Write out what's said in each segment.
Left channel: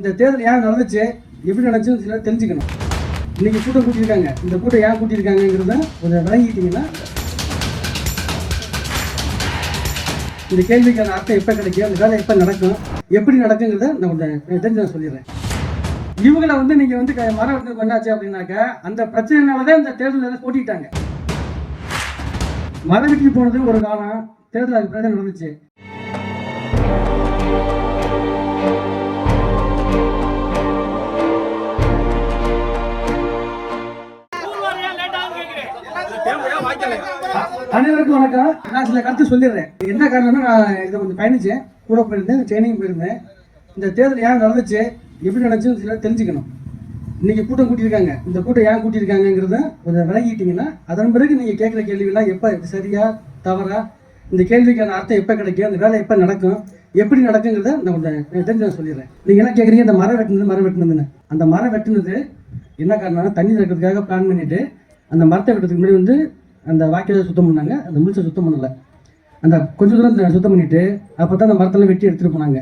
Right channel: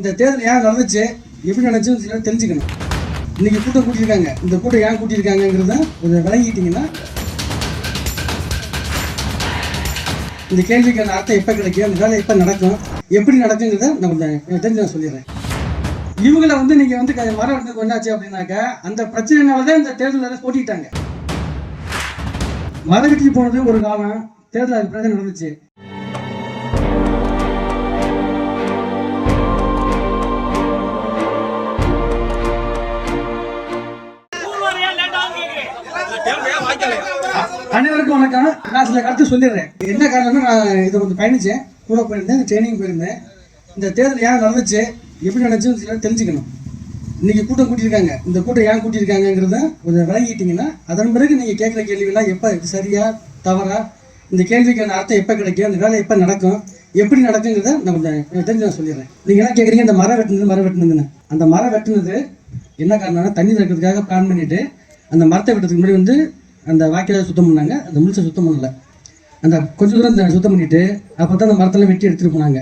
இந்த தேர்தல் ஏன் நடந்துச்சு, எப்படி நடந்துச்சுன்னு தெரிஞ்சுக்கணும். இன்னைக்கு கூட்டம் கூட்டியிருக்காங்க, இந்த கூட்டம் ஏன் கூட்டியிருக்காங்கிறத கொஞ்சம் விளங்கிட்டீங்கன்னா இந்த கேள்விக்கான அர்த்தம் எப்போ கிடைக்கும், அந்த வேலை எப்போ நடக்கும், எப்படி நடக்குங்கிறத நம்ம தெரிஞ்சு நான் சொல்லிடுறேன். இவங்களை வந்து நீங்கள் வந்து வரவேற்கிறது என்னாச்சு அப்படின்னாக்க, அந்த பிரச்சனைனாலதான் இந்த தேர்தலில் போட்டிட்டாங்க. மரவெட்டிக்கு போனது ஒரு காலம், தேர்தல் அதுக்கு பிறகு நடந்துச்சு. அனைவருக்கும் வணக்கம். நான் சில கருத்து சொல்லிடுறேன். என்ன காரணம்னா, நான் இதை கொஞ்சம் பயணிச்சேன், கூட போயிருந்தேன், ட்ரைனிங் போயிருந்தேன். இந்த தேர்தல் ஏன் நடந்துச்சு, எப்படி நடந்துச்சுன்னு தெரிஞ்சுக்கணும். இன்னைக்கு கூட்டம் கூட்டியிருக்காங்க, இந்த கூட்டம் ஏன் கூட்டியிருக்காங்கிறத கொஞ்சம் விளங்கிட்டீங்கன்னா அதன் பிறகு நீங்கள் கேட்குற கேள்விகள்லாம் எப்போ சரியா தவறா, இந்த கேள்விக்கான அர்த்தம் எப்போ கிடைக்கும், அந்த வேலை எப்போ நடக்கும், எப்படி நடக்குங்கிறத நம்ம தெரிஞ்சு நான் சொல்லிடுறேன். நீங்கள் என்ன கேட்குறீங்க, அந்த மரம் வெட்டினதுன்னு. அந்த மரம் வெட்டினது என்ன காரணம்னா, தண்ணி திறக்கிறதுக்காக பிளான் பண்ணிட்டு அந்த மரத்தை வெட்டுறதுக்கு முன்னாடி வந்து அந்த வாய்க்கால சுத்தம் பண்ணாங்க. அந்த முழுசை சுத்தம் பண்ணலை, அந்த கொஞ்சம் தூரம் சுத்தம் பண்ணிவிட்டு அப்போ தான் அந்த மரத்தெல்லாம் வெட்டி எடுத்துகிட்டு போனாங்க.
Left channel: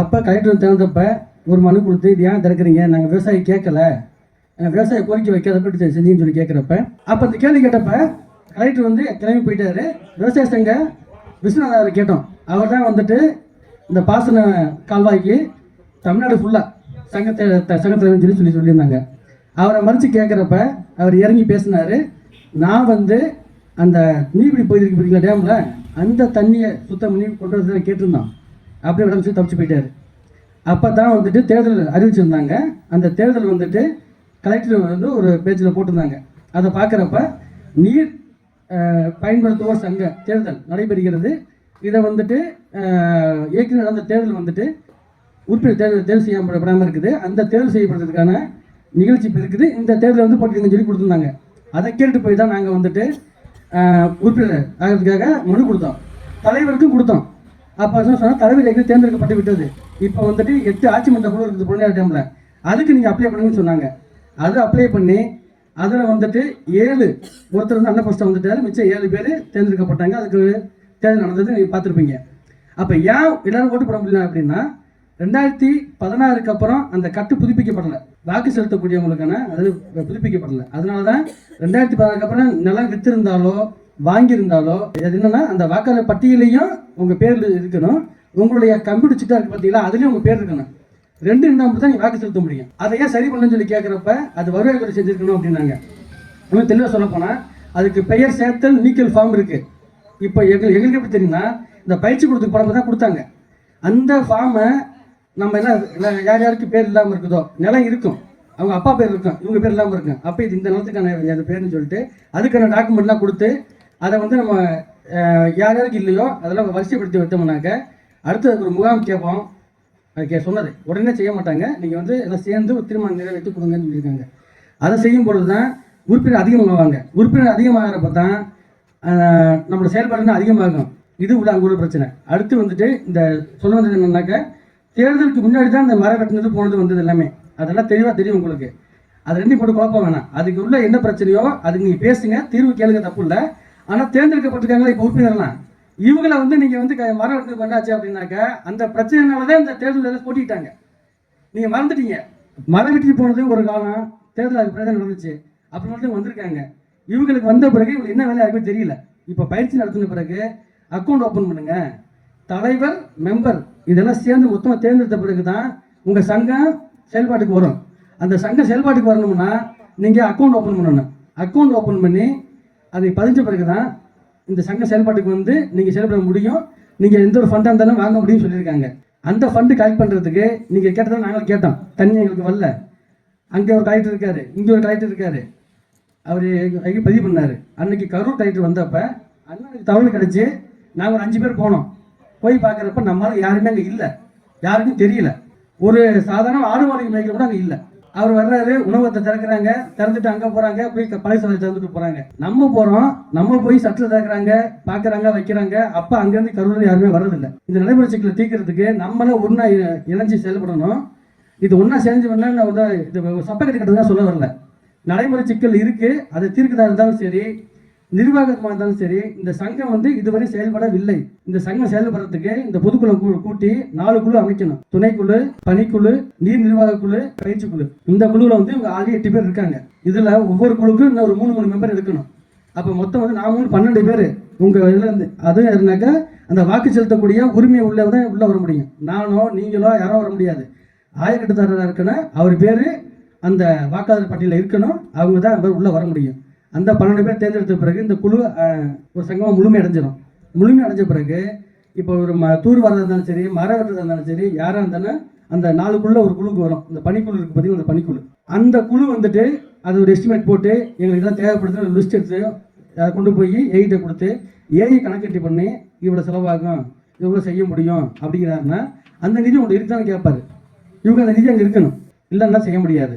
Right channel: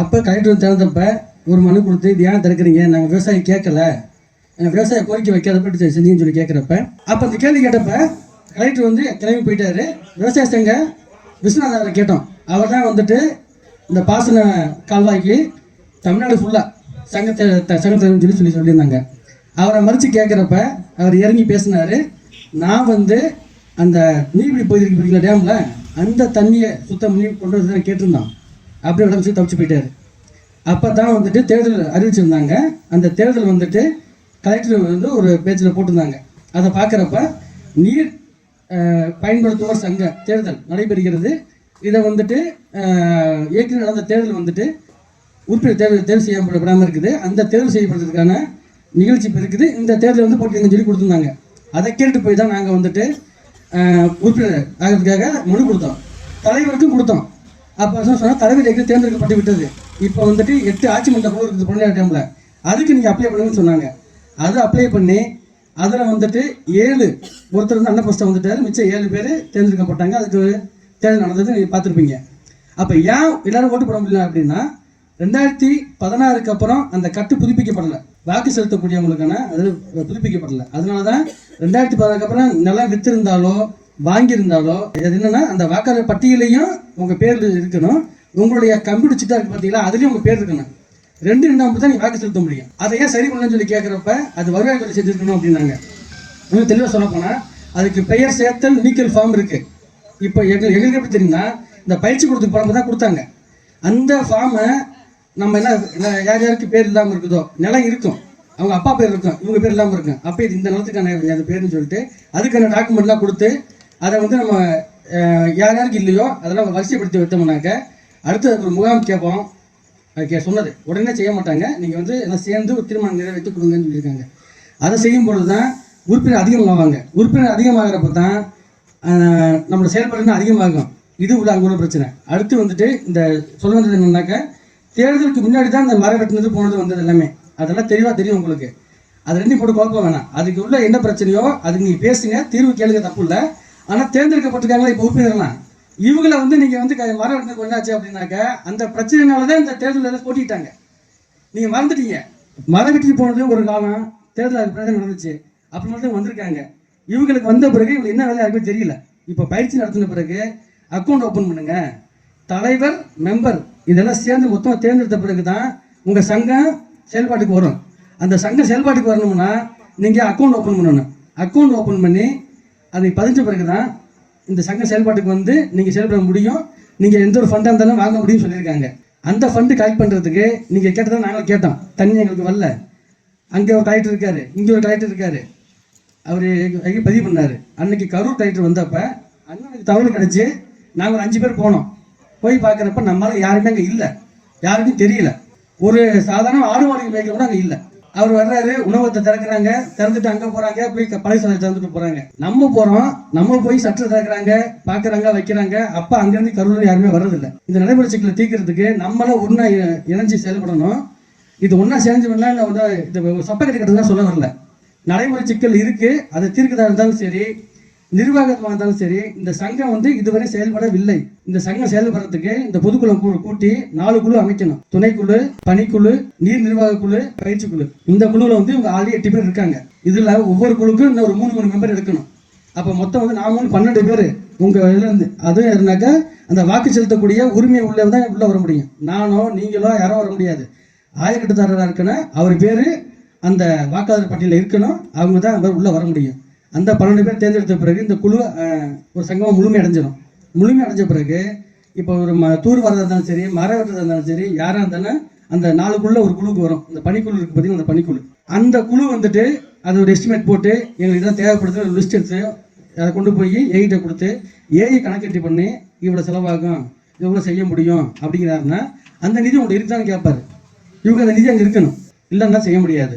அப்போ கலெக்டர் வந்து திறந்தப்ப ஒரு மனு கொடுத்து, இது ஏன் திறக்கிறீங்க, நாங்கள் விவசாயி கேட்கல, விவசாய கோரிக்கை வைக்காதப்ப செஞ்சீங்கன்னு சொல்லி கேட்குறப்ப, அப்போ அந்த கேள்வி கேட்டப்ப கலெக்டர் வந்து கிளம்பி போயிட்டாரு. விவசாய சங்க விஸ்வநாதரை கேட்டோம். அவர் தான் வந்துட்டு இந்த பாசன கால்வாய்க்கு தமிழ்நாடு ஃபுல்லாக சங்கத்தை சொல்லியிருந்தாங்க. அவரை மறித்து கேட்குறப்ப அவர் இறங்கி பேசினார். நான் வந்து அந்த நீர்பிடி பகுதிக்கு பிடிக்கிற டேமில் அந்த தண்ணியை சுத்தம் பண்ணி கொண்டு வந்து கேட்டிருந்தோம். அப்படியே உடம்பு தப்பிச்சு போயிட்டார். அப்போ தான் வந்துட்டு தேர்தல் அறிவிச்சிருந்தாங்க. அந்த தேர்தல் வந்துட்டு கலெக்டர் வந்து ஒரு பேஜில் போட்டிருந்தாங்க. அதை பார்க்குறப்ப நீர் பயன்படுத்துவோர் சங்க தேர்தல் நடைபெறுகிறது. இதை வந்துட்டு ஏற்கனவே நடந்த தேர்தல் வந்துட்டு உறுப்பினர் தேர்வு செய்யப்படாமல் இருக்குது. அந்த தேர்வு செய்யப்படுறதுக்கான நிகழ்ச்சி இப்போ இருக்குது. இந்த தேர்தல் வந்து போட்டிருங்கன்னு சொல்லி கொடுத்துருந்தாங்க. அதை கேட்டு போய் தான் நாங்கள் வந்துட்டு உறுப்பினர் ஆகிறதுக்காக மனு கொடுத்தோம், தலைவருக்கும் கொடுத்தோம். அப்போ சொன்னால் தலைவர் எங்கே தேர்ந்தெடுக்கப்பட்டு விட்டது. இப்போ வந்துட்டு 8 ஆட்சி மன்ற குழு இருக்குது பொருளாதார டைமில், அதுக்கு நீங்கள் அப்ளை பண்ணுங்கன்னு சொன்னாங்க. அதை அப்ளை பண்ணி அதில் வந்துட்டு 7 ஒருத்தர் வந்து அன்னபஸ்டம் வந்துட்டார், மிச்சம் 7 பேர் தேர்ந்தெடுக்கப்பட்டாங்க. அதுக்கு தேர்தல் நடந்தது நீங்கள் பார்த்துருப்பீங்க. அப்போ ஏன் எல்லாரும் ஓட்டு போட முடியல அப்படின்னா, 2016 அப்புறம் அந்த கட்டு புதுப்பிக்கப்படலை, வாக்கு செலுத்தக்கூடியவங்களுக்கான அது புதுப்பிக்கப்படலை. அதனால தான் 2016 அப்புறம் நிலம் வித்திருந்தாலோ வாங்கியிருந்தாலோ இது என்னன்னா, அந்த வாக்காளர் பட்டியலையும் உங்கள் பேர் இருக்கணும், உங்களுடைய கம்ப்யூட்டர் சிட்டா இருக்கு பார்த்தீங்களா, அதுலேயும் உங்கள் பேர் இருக்கணும். 2 இருந்தால் மட்டும் தான் நீங்கள் வாக்கு செலுத்த முடியும். அதையே சரி பண்ணுன்னு சொல்லி கேட்குறப்ப அது வருவாய்த்துறை செஞ்சுருக்கணும் அப்படின்னாங்க. இன்னும் தெளிவாக சொல்ல போனால் அதுக்கு பெயர் சேர்த்தல் நீக்கல் ஃபார்ம் இருக்குது. இப்போ எங்களுக்கு எப்படி தெரியும்னா, இந்த பயிற்சி கொடுத்து படம் தான் கொடுத்தாங்க. அந்த ஃபார்மை நம்ம என்ன யார் யாருக்கு பேர் இல்லாமல் இருக்குதோ, நிலம் இருக்கும், அவங்க அப்பா பேர் இருக்கும், இவங்க பேர் இல்லாமல் இருக்கும், அப்போ இது இந்த நிலத்துக்கான அந்த பேர்னு சொல்லிட்டு அதுக்கான டாக்குமெண்ட்லாம் கொடுத்து அதை வந்து நம்ம யார் யாருக்கு இல்லையோ அதெல்லாம் வரிசைப்படுத்தி வைத்தோம்னாக்க அடுத்து அதுக்கு ஒரு முகாம் கேட்போம். சொன்னது உடனே செய்ய மாட்டாங்க. நீங்கள் வந்து எல்லாம் சேர்ந்து ஒரு தீர்மானம் நிறைவேற்றி கொடுங்கன்னு சொல்லியிருக்காங்க. அதை செய்யும் பொழுது தான் உறுப்பினர் அதிகமாகுவாங்க. உறுப்பினர் அதிகமாகிறப்ப தான் நம்மளோட செயல்பாடுனா அதிகமாகும். இது உள்ள அங்கே உள்ள பிரச்சனை. அடுத்து வந்துட்டு இந்த சொல்ல வந்தது என்னன்னாக்க, தேர்தலுக்கு முன்னாடி தான் இந்த மரம் வெட்டினது போனது வந்தது எல்லாமே அதெல்லாம் தெளிவாக தெரியும் உங்களுக்கு. அது 2 போட்டு குழப்பம் வேணாம். அதுக்கு உள்ள என்ன பிரச்சனையோ அதுக்கு நீங்கள் பேசுங்க, தீர்வு கேளுங்க, தப்பு இல்லை. ஆனால் தேர்ந்தெடுக்கப்பட்டிருக்காங்க இப்போ உறுப்பினர்லாம், இவங்களை வந்து நீங்கள் வந்து மரம் வெட்டினது பண்ணாச்சு அப்படின்னாக்க அந்த பிரச்சனைனாலதான் இந்த தேர்தலில் போட்டிட்டாங்க. நீங்கள் மறந்துட்டீங்க. மரம் வெட்டி போனது ஒரு காலம், தேர்தல் அதுக்கு பிறகு நடந்துச்சு. அப்படி மட்டும் வந்திருக்காங்க. இவங்களுக்கு வந்த பிறகு இவங்க என்ன வேலை யாருக்குமே தெரியல. இப்போ பயிற்சி நடத்தின பிறகு அக்கௌண்ட் ஓப்பன் பண்ணுங்க, தலைவர் மெம்பர் இதெல்லாம் சேர்ந்து மொத்தமாக தேர்ந்தெடுத்த பிறகு தான் உங்கள் சங்கம் செயல்பாட்டுக்கு வரும். அந்த சங்கம் செயல்பாட்டுக்கு வரணும்னா நீங்கள் அக்கௌண்ட் ஓப்பன் பண்ணணும். அக்கௌண்ட் ஓப்பன் பண்ணி அதை பதிஞ்ச பிறகு தான் இந்த சங்கம் செயல்பாட்டுக்கு வந்து நீங்கள் செயல்பட முடியும். நீங்கள் எந்த ஒரு ஃபண்டாக இருந்தாலும் வாங்க முடியும்னு சொல்லியிருக்காங்க. அந்த ஃபண்டு கலெக்ட் பண்ணுறதுக்கு நீங்கள் கேட்டதான் நாங்கள் கேட்டோம். தண்ணி எங்களுக்கு வரல. அங்கே ஒரு கலெக்டர் இருக்கார், இங்கே ஒரு கலெக்டர் இருக்கார், அவர் எங்கே பதிவு பண்ணார். அன்னைக்கு கரூர் கலெக்டர் வந்தப்போ அண்ணனுக்கு தகவல் கிடச்சி நாங்கள் ஒரு 5 பேர் போனோம். போய் பார்க்குறப்ப நம்மளால யாருமே அங்கே இல்லை, யாருக்கும் தெரியல. ஒரு சாதாரண ஆடு மாடு மேய்க்க கூட அங்கே இல்லை. அவர் வர்றாரு, உணவகத்தை திறக்கிறாங்க, திறந்துட்டு அங்கே போகிறாங்க, போய் பழைய திறந்துட்டு போகிறாங்க. நம்ம போகிறோம், நம்ம போய் சட்டில் திறக்கிறாங்க, பார்க்குறாங்க, வைக்கிறாங்க. அப்போ அங்கேருந்து கரூரில் யாருமே வர்றதில்லை. இந்த நடைமுறை சிக்கலை தீர்க்கறதுக்கு நம்மளும் ஒன்றா இணைஞ்சு செயல்படணும். இது ஒன்றா சேர்ந்துன்னா வந்து இது சொப்பக்கட்டி கட்டுறதா சொல்ல வரல. நடைமுறை சிக்கல் இருக்குது, அதை தீர்க்கதாக இருந்தாலும் சரி, நிர்வாகமாக இருந்தாலும் சரி, இந்த சங்கம் வந்து இதுவரை செயல்படவில்லை. இந்த சங்கம் செயல்படுறதுக்கு இந்த பொதுக்குழு கூட்டி 4 குழு அமைக்கணும். துணைக்குழு, பணிக்குழு, நீர் நிர்வாக குழு, பயிற்சி குழு. இந்த குழுவில் வந்து இவங்க ஆல்ரெடி 8 பேர் இருக்காங்க. இதுல ஒவ்வொரு குழுக்கும் இன்னும் ஒரு 3 மெம்பர் எடுக்கணும். அப்ப மொத்தம் வந்து நான் 12 பேர் உங்க இதுல இருந்து. அதுவும் இருந்தாக்கா அந்த வாக்கு செலுத்தக்கூடிய உரிமை உள்ளதான் உள்ள வர முடியும். நானோ நீங்களோ யாரோ வர முடியாது. ஆயக்கட்டுதாரராக இருக்கணும், அவர் பேரு அந்த வாக்காளர் பட்டியலில் இருக்கணும், அவங்க தான் உள்ள வர முடியும். அந்த 12 பேர் தேர்ந்தெடுத்த பிறகு இந்த குழு ஒரு சங்கமாக முழுமை அடைஞ்சிடும். முழுமை அடைஞ்ச பிறகு இப்போ ஒரு தூர் வரதா இருந்தாலும் சரி, மர வெட்டுறதா இருந்தாலும் சரி, யாராக இருந்தாலும் அந்த 4 குழுல ஒரு குழுக்கு வரும். இந்த பணிக்குழு இருக்கு பார்த்தீங்கன்னா, அந்த பணிக்குழு, அந்த குழு வந்துட்டு அது ஒரு எஸ்டிமேட் போட்டு எங்களுக்கு தான் தேவைப்படுது லிஸ்ட் எடுத்து அதை கொண்டு போய் ஏஐட்ட கொடுத்து ஏஐ கணக்கெட்டி பண்ணி இவ்வளோ செலவாகும், இவ்வளோ செய்ய முடியும் அப்படிங்கிறாருன்னா அந்த நிதி உங்கள்கிட்ட இருக்குதான்னு கேட்பாரு. இவங்க அந்த நிதி அங்கே இருக்கணும், இல்லைன்னா செய்ய முடியாது.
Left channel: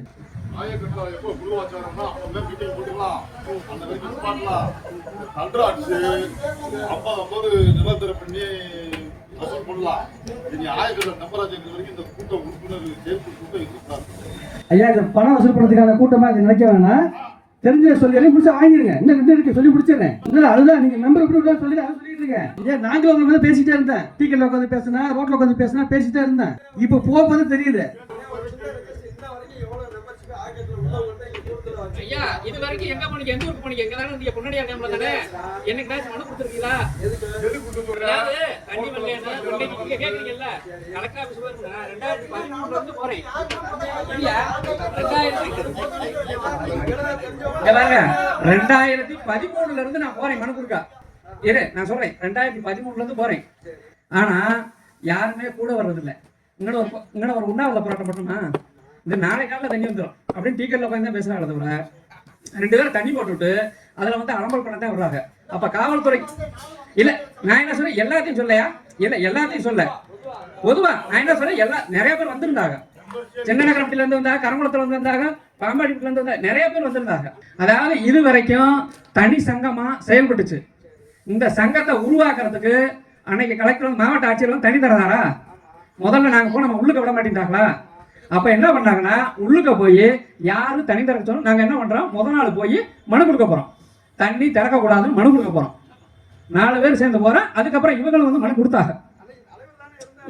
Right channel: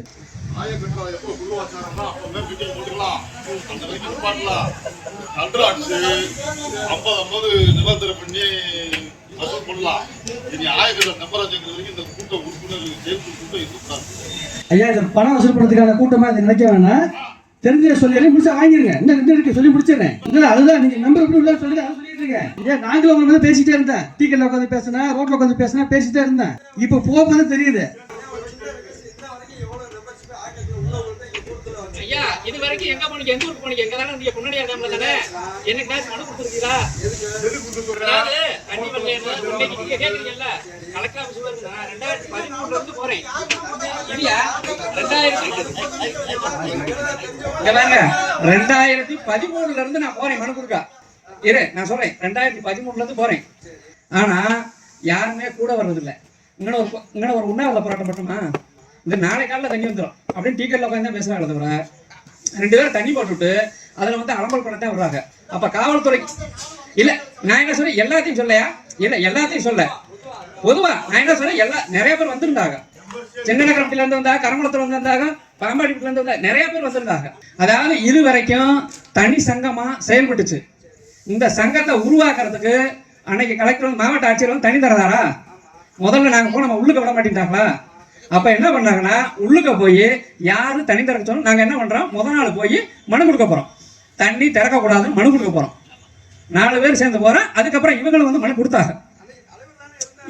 ஐயா, இந்த பணம் வசூல் பண்ணுறதுக்கான கூட்டமா இதை நினைக்க வேணாம். தெரிஞ்ச சொல்லி முடிச்சா வாங்கிருங்க. என்ன இருக்கு சொல்லி முடிச்சிடறேன். அதுதான் நீங்க நம்பர் எப்படி உள்ள சொல்லி அதை சொல்லிட்டு இருக்கேன். ஏன் நாங்களும் உங்க மேலே பேசிட்டே இருந்தேன். டீக்கெட்ல உட்காந்து பேசினேன், ரோட்ல உட்காந்து பேசினேன், பேசிட்டே இருந்தேன். இப்போ போகும்போது தெரியுது. ஐயா, இது வரைக்கும் எங்க போனீங்க? எந்த ஊருக்கு போனீங்க? எங்க தானே நீங்க முன்னாடியா டைம்ல தானே எனக்கு மனு கொடுத்துருக்கீங்களா? நீங்க கேக்குறீங்கல்ல, கலெக்டர் ஆபீஸ் வருது. 2013 இருந்து போறேன் இல்லையா? 2013 இருந்து நான் போறேன் மனு கொடுக்க. இரு, நான் சொல்றேன், 2013 இருந்து போறேன். ஆனா யாருமே கூட வர்றதில்லை. இங்கே ஒரு உண்ணாவிரத போராட்டம் மட்டுமா? இந்த நாளை காலில் தண்ணி வந்துடும் அப்படின்னு டீக்கெட்ல உட்காந்து தான் பேசுறாங்க. தவிர 2 பேரும் தண்ணி போட்டுவிட்டு அதில் வந்து அலம்பல் பண்ண தான் வர்றாங்க. அப்போ காவல்துறை இல்லை, நான் என்ன சொல்றேன், எல்லாத்தையும் சொல்லையா? இல்லை, எல்லாத்தையும் சொல்ல. பொதுவா நான் என்ன சொல்றேன், நிறைய பேர் வந்திருந்தாங்க. சின்ன நகரத்துல இருந்து வந்தாங்க, கரங்குளத்துல இருந்து வந்தாங்க, பாம்பாடிப்புல இருந்து வந்தாங்க, நிறைய பேர் வந்திருந்தாங்க. அதாவது இது வரைக்கும் தனி சங்கமா செயல்பட்டுச்சு. இந்த சங்கத்தை உருவாக்குறதுக்கு அன்னைக்கு கலெக்டர் மாவட்ட ஆட்சியர் தனி தரதாரா? முதல்ல நாங்கள் போய் நம்ம உள்ளுக்க விட மாட்டேங்கிறாங்களா? அப்ப என்ன பண்ணாங்கன்னா, உள்ளுக்க போய் யாரு தண்ணி திறக்க சொன்னோம், நாங்க என்ன பண்றோம், முதல் நாள் போய் மனு கொடுக்க போறோம். தண்ணி திறக்க கூடாதுன்னு மனு கொடுக்க போறோம். 4 பேர் சேர்ந்து போறோம். அதுக்கப்புறம் இவங்களும் வந்து மனு கொடுத்தாங்க.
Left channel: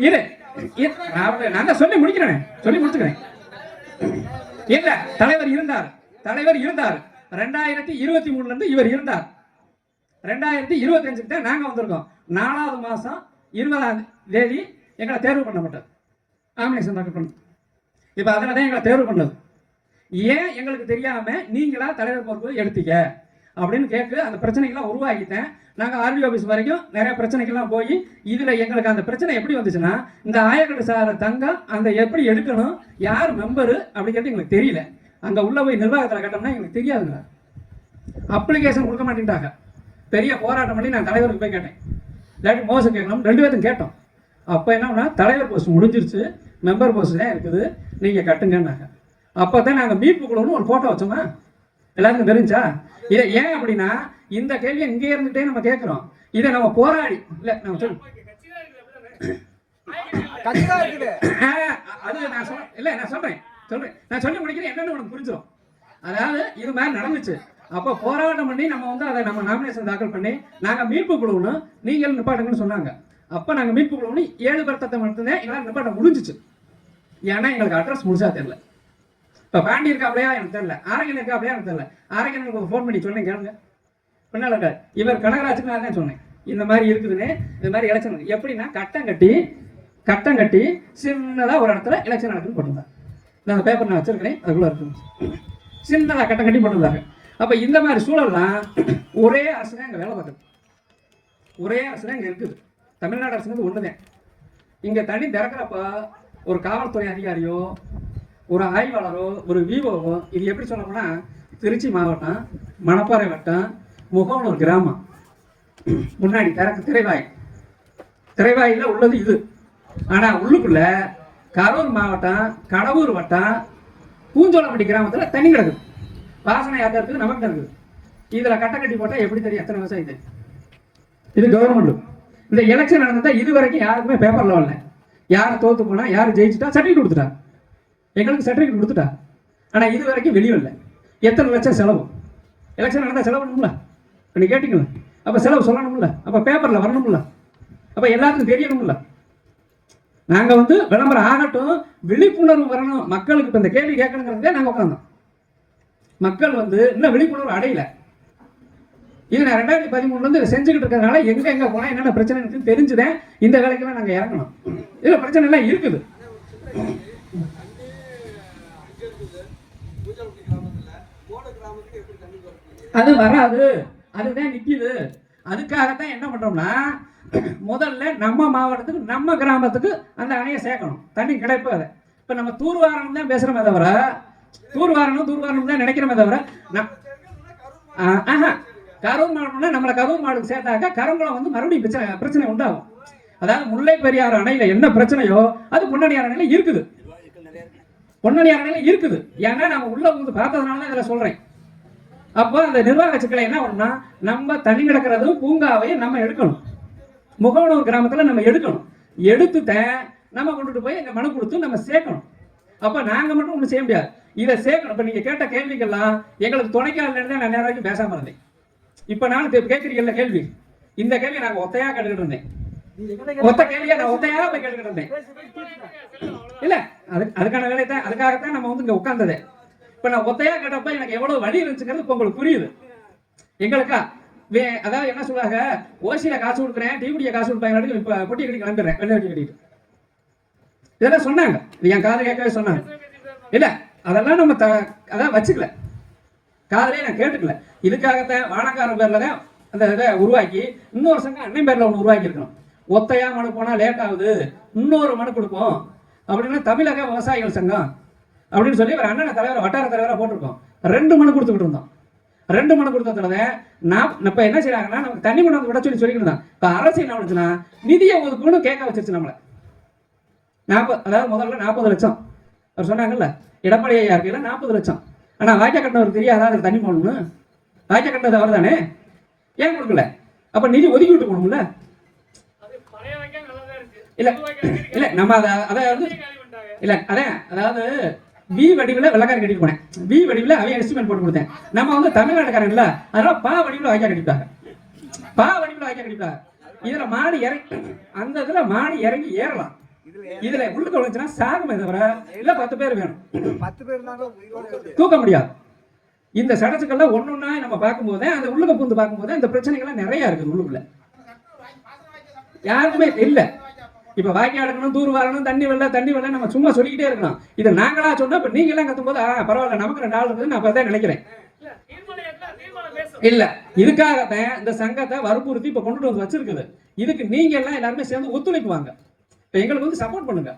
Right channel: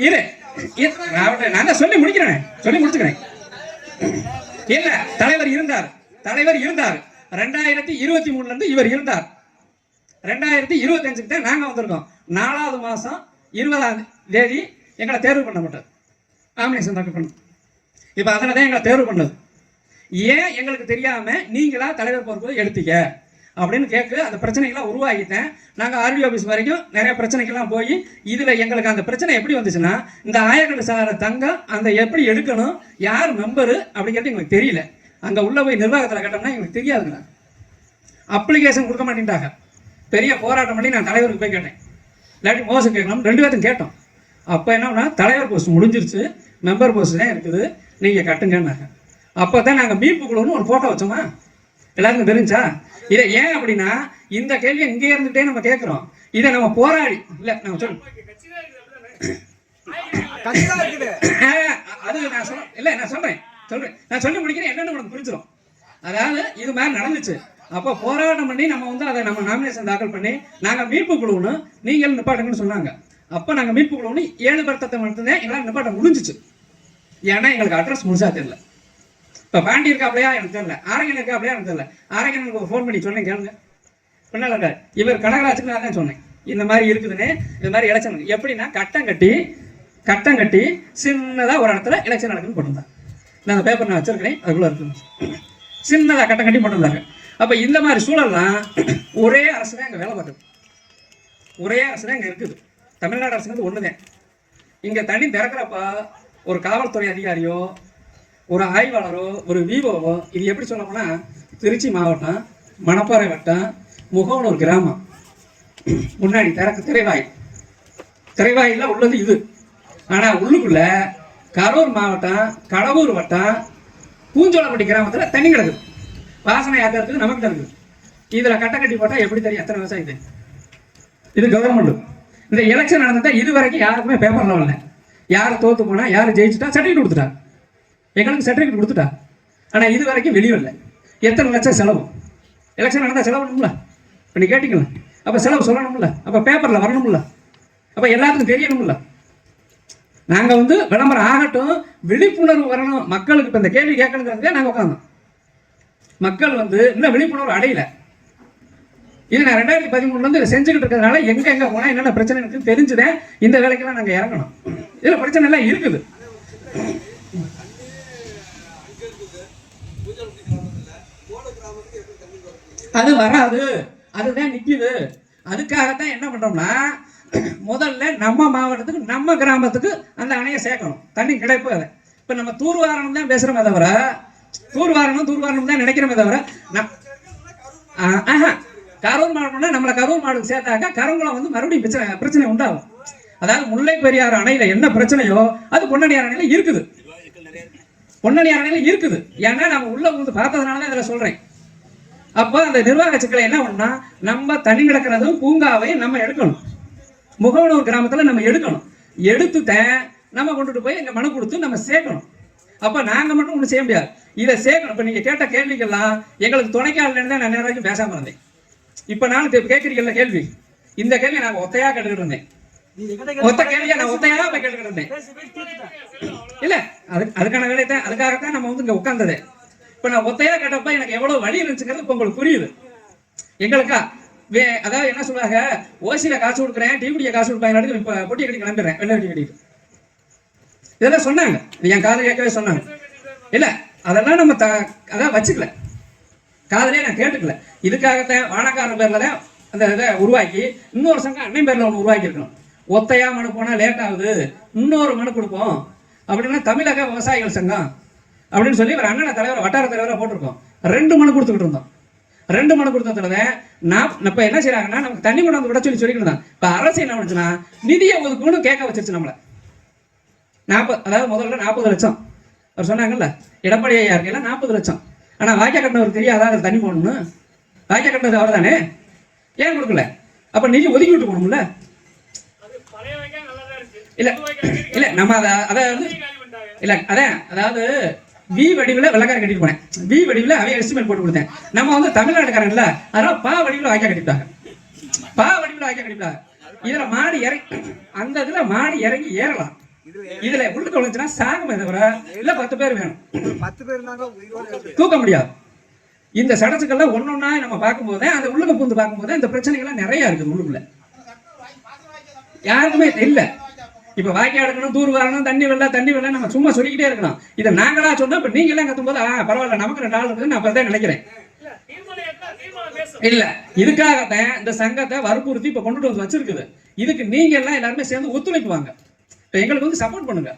இரு, நான் சொல்லி முடிக்கிறேன், சொல்லி முடிச்சுக்கிறேன். இல்ல, தலைவர் இருந்தார். 2023 இருந்து இவர் இருந்தார். 2025 தான் நாங்க வந்திருக்கோம். 4வது மாசம் 20ஆம் தேதி எங்களை தேர்வு பண்ண மாட்டோம். நாமினேஷன் தாக்கல் பண்ண. இப்ப அதில் தான் எங்களை தேர்வு பண்ணது. ஏன் எங்களுக்கு தெரியாம நீங்களா தலைவர் பொறுப்பு எடுத்தீங்க அப்படின்னு கேட்க அந்த பிரச்சனைகள்லாம் உருவாகிட்டேன். நாங்கள் ஆர்டிஓ ஆஃபீஸ் வரைக்கும் நிறைய பிரச்சனைகள்லாம் போய் இதில் எங்களுக்கு அந்த பிரச்சனை எப்படி வந்துச்சுன்னா, இந்த ஆயக்கட்டு சார தங்கம் அந்த எப்படி எடுக்கணும், யார் மெம்பரு அப்படிங்கிறது எங்களுக்கு தெரியல. அங்கே உள்ள போய் நிர்வாகத்தில் கட்டணும்னா எங்களுக்கு தெரியாதுங்க. அப்ளிகேஷன் கொடுக்க மாட்டேன்ட்டாங்க. பெரிய போராட்டம் பண்ணி நான் தலைவருக்கு போய் கேட்டேன். இல்லாட்டி மோசம் கேட்கணும், 2 பேர்த்தும் கேட்டோம். அப்போ என்ன, தலைவர் போஸ்ட் முடிஞ்சிருச்சு, மெம்பர் போஸ்ட் தான் இருக்குது, நீங்கள் கட்டுங்கன்னாங்க. அப்போ தான் நாங்கள் மீட்பு குழுன்னு ஒரு ஃபோட்டோ வச்சோமா, எல்லாருக்கும் தெரிஞ்சா? இதை ஏன் அப்படின்னா, இந்த கேள்வியை இங்கே இருந்துகிட்டே நம்ம கேட்குறோம். இதை நம்ம போராடி இல்லை நம்ம அது நான் சொல்ல இல்லை, நான் சொல்கிறேன் நான் சொல்லி முடிக்கிறேன், என்னன்னு உனக்கு புரிஞ்சிடும். அதாவது இது மாதிரி நடந்துச்சு. அப்போ போராட்டம் பண்ணி நம்ம வந்து அதை நம்ம நாமினேஷன் தாக்கல் பண்ணி நாங்கள் மீட்பு குழுன்னு நீங்கள் நிப்பாட்டுங்கன்னு சொன்னாங்க. அப்போ நாங்கள் மீட்பு குழுன்னு 7 வருத்தத்தை மட்டும்தான் எங்களால் நிப்பாட்ட முடிஞ்சிச்சு. ஏன்னா எங்களுக்கு அட்ரஸ் முழுசா தெரியல. இப்போ பாண்டி இருக்கா அப்படியா எனக்கு தெரியல, ஆரோக்கியம் இருக்கா அப்படியா எனக்கு தெரியல. ஆரோக்கியம் ஃபோன் பண்ணி சொன்னேன், கேளுங்க. சொன்னால இவர் கனகராஜுக்கு நான் தான் சொன்னேன், இந்த மாதிரி இருக்குதுன்னு. இந்த மாதிரி எலெக்ஷன் எப்படின்னா கட்டம் கட்டி சின்னதாக ஒரு இடத்துல எலெக்ஷன் நடக்குன்னு போட்டிருந்தாங்க. நான் அந்த பேப்பர் நான் வச்சிருக்கிறேன், அதுக்குள்ள இருக்குது. சின்னதாக கட்டம் கட்டி போட்டிருந்தாங்க. அப்போ இந்த மாதிரி சூழல்லாம் ஒரே அரசு தான் இங்கே வேலை பார்க்குது. ஒரே அரசு தான் இங்கே இருக்குது. தமிழ்நாடு அரசுங்கிறது ஒன்று தான். இங்கே தண்ணி திறக்கிறப்ப ஒரு காவல்துறை அதிகாரியோ, ஒரு ஆய்வாளரோ, ஒரு விஓவோ, இது எப்படி சொல்லணும்னா, திருச்சி மாவட்டம், மணப்பாறை வட்டம், முகவனூர் கிராமம், முன்னாடி திரைவாயில் உள்ளது இது. ஆனால் உள்ளுக்குள்ள கரூர் மாவட்டம், கடவுர் வட்டம், பூஞ்சோளப்பட்டி கிராமத்தில் தண்ணி கிடக்குது. வாசனை யார்ட்ட இருக்குது, நமக்கு தான் இருக்குது. இதில் கட்டை கட்டி போட்டால் எப்படி தெரியும் எத்தனை விவசாயம் தெரியும்? இது கவர்மெண்ட். இந்த எலெக்ஷன் நடந்ததா இது வரைக்கும் யாருக்குமே பேப்பரில் வரல. யாரை தோற்று போனா, யார் ஜெயிச்சுட்டா சர்டிஃபிகேட் கொடுத்துட்டா, எங்களுக்கு சர்டிஃபிகேட் கொடுத்துட்டா. ஆனால் இது வரைக்கும் வெளியே இல்லை. எத்தனை லட்சம் செலவு? எலெக்ஷன் நடந்தால் செலவு பண்ணுங்களா? இப்போ நீ கேட்டீங்களா? அப்போ செலவு சொல்லணும்ல, அப்போ பேப்பரில் வரணும்ல, அப்போ எல்லாத்துக்கும் தெரியணும்ல. நாங்கள் வந்து விளம்பரம் ஆகட்டும், விழிப்புணர்வு வரணும் மக்களுக்கு. இப்போ இந்த கேள்வி கேட்கணுங்கிறதே நாங்கள் உட்காந்தோம். மக்கள் வந்து இன்னும் விழிப்புணர்வு அடையல. இது நான் 2013 இதை செஞ்சுக்கிட்டு இருக்கிறதுனால எங்க போனா என்னென்ன பிரச்சனை இருக்குன்னு தெரிஞ்சுதேன் இந்த வேலைக்கெல்லாம் நாங்கள் இறங்கணும். இதுல பிரச்சனை எல்லாம் இருக்குது. அது வராது, அதுதான் நிக்குது. அதுக்காகத்தான் என்ன பண்றோம்னா, முதல்ல நம்ம மாவட்டத்துக்கு நம்ம கிராமத்துக்கு அந்த அணையை சேர்க்கணும். தண்ணி கிடைப்பு. அதை இப்ப நம்ம தூர்வாரணம் தான் பேசுறோமே தவிர, தூர்வாரணம் தான் நினைக்கிறோமே தவிர, கரூர் மாவட்டம்னா நம்மளை கரூர் மாவட்டத்துக்கு சேர்த்தாக்க கருங்குளம் வந்து மறுபடியும் பிரச்சனை உண்டாகும். அதாவது முல்லை பெரியாறு அணையில என்ன பிரச்சனையோ அது பொன்னணியார் அணையில இருக்குது. பொன்னணியார் அணையில இருக்குது. ஏன்னா நம்ம உள்ள வந்து பார்த்ததுனால தான் இதில் சொல்றேன். அப்போ அந்த நிர்வாக சிக்கலை என்ன பண்ணா, நம்ம தண்ணி கிடக்கிறது பூங்காவை நம்ம எடுக்கணும். முகவனூர் கிராமத்துல நம்ம எடுக்கணும். எடுத்துட்டேன் நம்ம கொண்டுட்டு போய் எங்க மனு கொடுத்து நம்ம சேர்க்கணும். அப்ப நாங்க மட்டும் ஒண்ணு செய்ய முடியாது, இதை சேர்க்கணும். இப்ப நீங்க கேட்ட கேள்விகள்லாம் எங்களுக்கு துணைக்கால தான் நான் நேரம் வரைக்கும் பேசாம இருந்தேன். இப்ப நான் கேட்கறீங்கல்ல கேள்வி, இந்த கேள்வி நாங்க ஒத்தையா கேட்டுக்கிட்டு இருந்தேன். ஒத்த கேள்வியா நான் ஒத்தையா போய் கேட்டுக்கிட்டு இருந்தேன். இல்ல அதுக்கான வேலையை அதுக்காகத்தான் நம்ம வந்து இங்க உட்கார்ந்தது. இப்ப நான் ஒத்தையா கேட்டப்ப எனக்கு எவ்வளவு வழி இருந்துச்சுங்கிறது இப்ப உங்களுக்கு புரியுது. எங்களுக்கா அதாவது என்ன சொல்றாங்க, ஓசியில காசு கொடுக்குறேன், டிவிடிய காசு கொடுப்பேன், இப்ப பொட்டி கட்டி கிளம்பிடுறேன் வெள்ள கட்டிட்டு. இதெல்லாம் சொன்னாங்க, என் காதை கேட்கவே சொன்னாங்க. இல்ல அதெல்லாம் நம்ம அதான் வச்சுக்கல, காதலே நான் கேட்டுக்கல. இதுக்காகத்தான் வானக்காரன் பேர்ல தான் அந்த இதை உருவாக்கி இன்னொரு சங்கம் அன்னை பேர்ல ஒன்று உருவாக்கி இருக்கணும். ஒத்தையா மனு போனா லேட் ஆகுது, இன்னொரு மனு கொடுப்போம் அப்படின்னு தமிழக விவசாயிகள் சங்கம் அப்படின்னு சொல்லி ஒரு அண்ணனை தலைவர் வட்டார தலைவராக போட்டிருக்கோம். 2 மனு கொடுத்துக்கிட்டு இருந்தோம். 2 மனு கொடுத்ததுல நான் இப்ப என்ன செய்யறாங்கன்னா, நமக்கு தண்ணி கொண்டு வந்து விட சொல்லிக்கிட்டு இருந்தான். இப்ப அரசு என்ன பண்ணுச்சுன்னா, நிதியை ஒதுக்கணும் கேட்க வச்சிருச்சு நம்மள. அதாவது முதல்ல 40 லட்சம் அவர் சொன்னாங்கல்ல, எடப்பாடி ஐயா இருக்கையில 40 லட்சம். ஆனா வாய்க்கா கட்டினவர் தெரியாதா அதுக்கு தண்ணி போடணும்? வாய்க்கா கட்டினது அவர் தானே, ஏன் கொடுக்கல? அப்ப நிதி ஒதுக்கி விட்டு போகணும்ல. இல்ல இல்ல நம்ம அதாவது இல்ல அதாவது வி வடிவில் வெள்ளக்காரன் கட்டிட்டு போனேன், வி வடிவில் அவைய எஸ்டிமேட் போட்டு கொடுத்தேன். நம்ம வந்து தமிழ்நாட்டுக்காரன் இல்ல, அதனால பா வடிவில் வாய்க்கா கட்டிட்டாங்க, பா வடிவில் வாய்க்கா கட்டிட்டாங்க. இதுல மாடி இறங்கி அந்த இதுல மாடி இறங்கி ஏறலாம். இதுல உள்ளுக்கு விழுந்துச்சுன்னா சாகுமே தவிர இல்ல 10 பேர் வேணும், 10 பேர் தூக்க முடியாது. இந்த சடச்சுக்கள்லாம் ஒன்னொன்னா நம்ம பார்க்கும்போது அந்த உள்ளுக்கு பூந்து பார்க்கும்போது இந்த பிரச்சனைகள்லாம் நிறைய இருக்குது உள்ளுக்குள்ள. யாருக்குமே இல்ல. இப்ப வாய்க்கா எடுக்கணும், தூர் வரணும், தண்ணி வெள்ள நம்ம சும்மா சொல்லிக்கிட்டே இருக்கணும். இதை நாங்களா சொன்னா இப்ப நீங்க எல்லாம் கத்தும் போது பரவாயில்ல நமக்கு 2 நாள் இருக்குது நான் அப்பதான் நினைக்கிறேன். இல்ல இதுக்காகத்தான் இந்த சங்கத்தை வற்புறுத்தி இப்ப கொண்டுட்டு வந்து வச்சிருக்குது. இதுக்கு நீங்க எல்லாம் எல்லாருமே சேர்ந்து ஒத்துழைப்புவாங்க, எங்களுக்கு வந்து சப்போர்ட் பண்ணுங்க.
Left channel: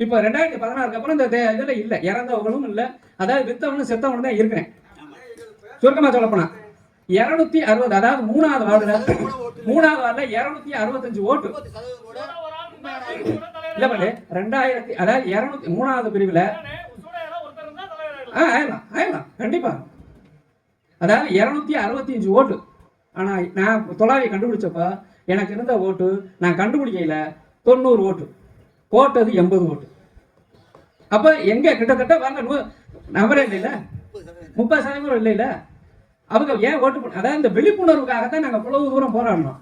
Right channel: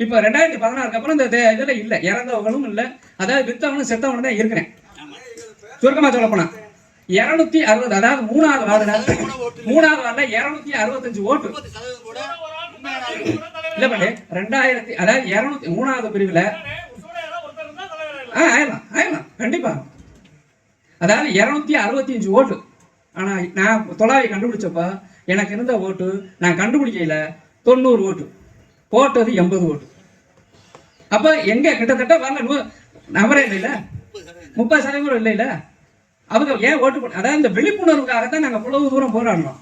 இப்ப 2016 அப்புறம் இந்த இதுல இல்ல, இறந்தவங்களும் இல்ல, அதாவது வித்தவனும் செத்தவனும் தான் இருக்கிறேன். சுருக்கமா சொல்ல போனா 260, அதாவது 3வது வார்டுல 265 ஓட்டு இல்ல பண்ணு 2000, அதாவது 3வது பிரிவுல ஆயிரலாம் கண்டிப்பா. அதாவது 265 ஓட்டு. ஆனா நான் தொலாவை கண்டுபிடிச்சப்ப எனக்கு இருந்த ஓட்டு நான் கண்டுபிடிக்கல 90 ஓட்டு, போட்டது 80 ஓட்டு. அப்ப எங்க கிட்டத்தட்ட வரல நபரே இல்ல, 30% இல்ல. அவங்க ஏன் ஓட்டு பண்ண, அதாவது இந்த விழிப்புணர்வுக்காகத்தான் நாங்க இவ்வளவு தூரம் போராடணும்.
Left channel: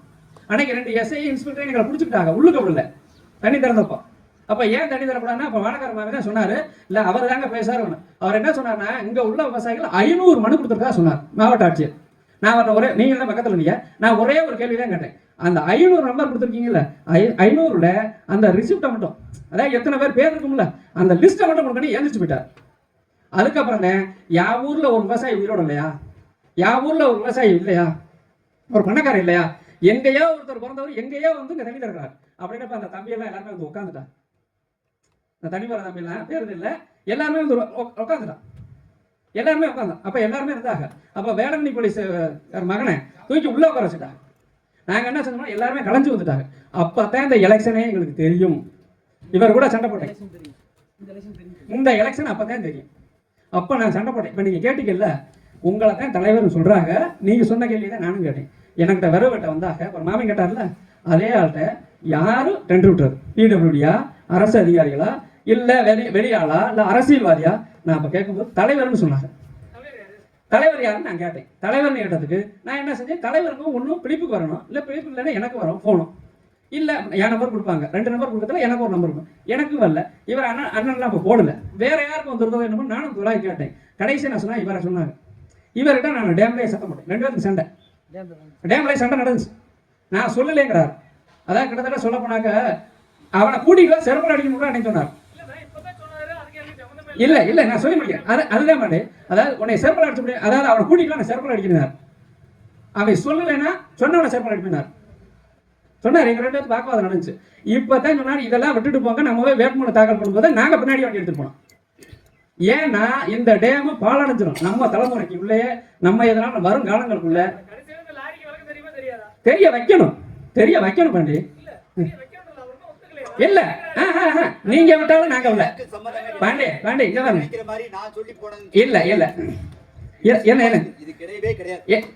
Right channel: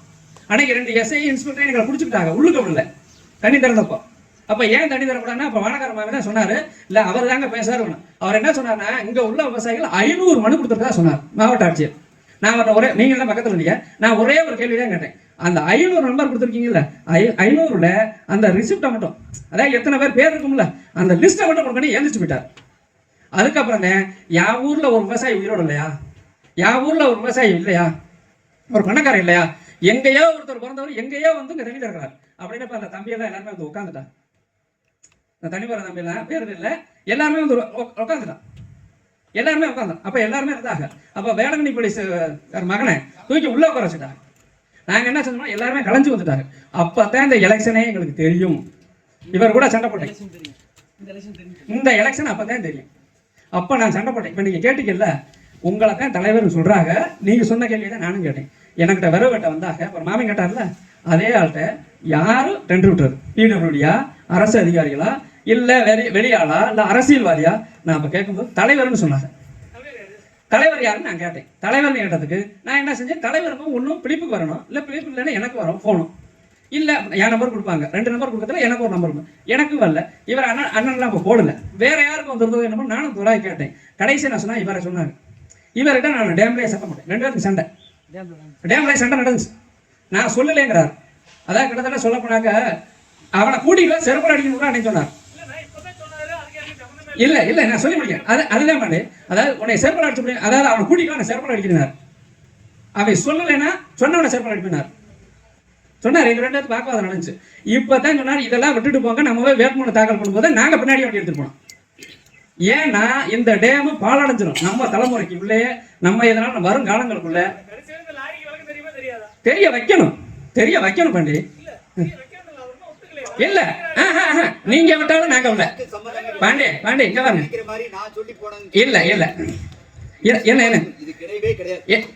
அன்னைக்கு 2 எஸ்ஐ இன்ஸ்பெக்டர் எங்களை பிடிச்சிக்கிட்டாங்க உள்ளுக்க விடல தண்ணி திறந்தப்போ. அப்ப ஏன் தண்ணி தரக்கூடாதுன்னா, அப்ப வானக்காரமாக தான் சொன்னாரு, இல்ல அவர் தாங்க பேசுறாரு. அவர் என்ன சொன்னார்னா, இங்க உள்ள விவசாயிகள் 500 மனு கொடுத்துருக்கா சொன்னார் மாவட்ட ஆட்சியர். நான் அவர்கிட்ட ஒரே, நீங்க எல்லாம் பக்கத்துல இல்லையா, நான் ஒரே ஒரு கேள்வி தான் கேட்டேன். அந்த 500 நம்பர் கொடுத்துருக்கீங்கல்ல, 500ல அந்த ரிசிப்டை மட்டும், அதாவது எத்தனை பேர் இருக்கும்ல அந்த லிஸ்ட்டை மட்டும் பண்ணி எழுந்திரிச்சு போயிட்டார். அதுக்கப்புறம் யா ஊர்ல ஒரு விவசாயி உயிரோடு இல்லையா, யா ஊர்ல ஒரு விவசாயி இல்லையா, ஒரு பணக்காரர் இல்லையா, எங்கேயோ ஒருத்தர் பிறந்தவர் எங்கேயோ வந்து இங்க தண்ணி தருகிறார் அப்படின்னா அந்த தம்பியெல்லாம் எல்லாருமே வந்து உட்காந்துட்டான். இந்த தண்ணி போற தம்பியெல்லாம் பேர் இல்லை, எல்லாருமே வந்து உட்காந்துட்டான், எல்லாருமே உட்காந்தான். அப்ப எல்லாருமே இருந்தாங்க. அப்ப வேளாண்மை போலீஸ் மகனை தூக்கி உள்ள உட்கார வச்சுட்டாங்க. நாங்க என்ன சொன்னோம், எல்லாருமே கலைஞ்சு வந்துட்டாங்க. அப்பதான் இந்த எலெக்ஷனே எங்களுக்கு தெரியும். இவர் கூட சண்டை போட்டேன், இந்த எலெக்ஷன் அப்பதான் தெரியும். அப்ப நான் சண்டை போட்டேன். இப்ப நீங்க கேட்டீங்கல்ல, உங்களை தான் தலைவர் சொல்றாங்க, நீங்க சொன்ன கேள்வியை நானும் கேட்டேன். எனக்கிட்ட வரவு வெட்ட வந்தாங்க, ஒரு மாமன் கேட்டார்ல, அதே ஆள்கிட்ட யாரு டெண்டர் விட்டுறது, பிடபிள்யூடியா, அரசு அதிகாரிகளா, இல்ல வெளியாளா, இல்ல அரசியல்வாதியா, நான் அப்ப கேட்கும்போது தலைவர்னு சொன்னாங்க. தலைவர் யாருன்னு நான் கேட்டேன். தலைவர்னு கேட்டதுக்கு நான் என்ன செஞ்சேன், தலைவருக்கும் ஒன்றும் பிடிப்புக்கு வரணும், இல்லை பிடிப்பு இல்லைன்னா எனக்கு வரும் போகணும். இல்லை என் நம்பர் கொடுப்பாங்க, 2 நம்பர் கொடுக்கறதுல எனக்கு ஒரு நம்பர் இருக்கும். எனக்கு வரல, இவர் அண்ணன்லாம் இப்போ போடல, வேற யாருக்கும் வந்துருந்தோ என்னமோ நானும் துறாய் கேட்டேன். கடைசி நான் சொன்னேன், இவரை சொன்னாங்க. இவர்கிட்ட நான் டேம்லேயே சண்டை போட்டேன். 2 பேருக்கு சண்டை, டேம்லேயே சண்டை நடந்துச்சு. நான் சொல்லலைங்கிறார். அதான் கிட்டத்தட்ட சொல்ல போனாக்க அவனை கூட்டிகிட்டு செருப்பல் அடிக்கணும் கூட அன்னைக்கு சொன்னார். இல்லை இல்லை நான் சொல்லி முடியும், அதுதான் மாட்டேன். அதாவது உன்னை செருப்பல் அடிச்சு முடியும், அதாவது அவனை கூட்டிக்கலாம் நான் செருப்பல் அடிக்கிறார். அவன் சொல்லலைன்னா சொன்னவனை செருப்பல் அடிக்கிறார் சொன்னார். எங்கள் 2 பேருக்கு பார்க்க நடந்துச்சு. இப்போ தான் சொன்னார், இதெல்லாம் விட்டுட்டு போங்க, நம்ம வேட்புமனு தாக்கல் பண்ணும்போது நாங்கள் பின்னாடி வண்டி எடுத்துட்டு போனோம். ஏன்னா இந்த டேமு பாழடைஞ்சிடும் நம்ம தலைமுறைக்கு உள்ளே, நம்ம எதனால வரும் காலங்களுக்குள்ள தெரிய வைக்கணும் பாண்டி. இல்ல நீங்க விட்டாலும் நாங்க விட பாண்டி இங்க வாங்க. இல்ல இல்ல என்ன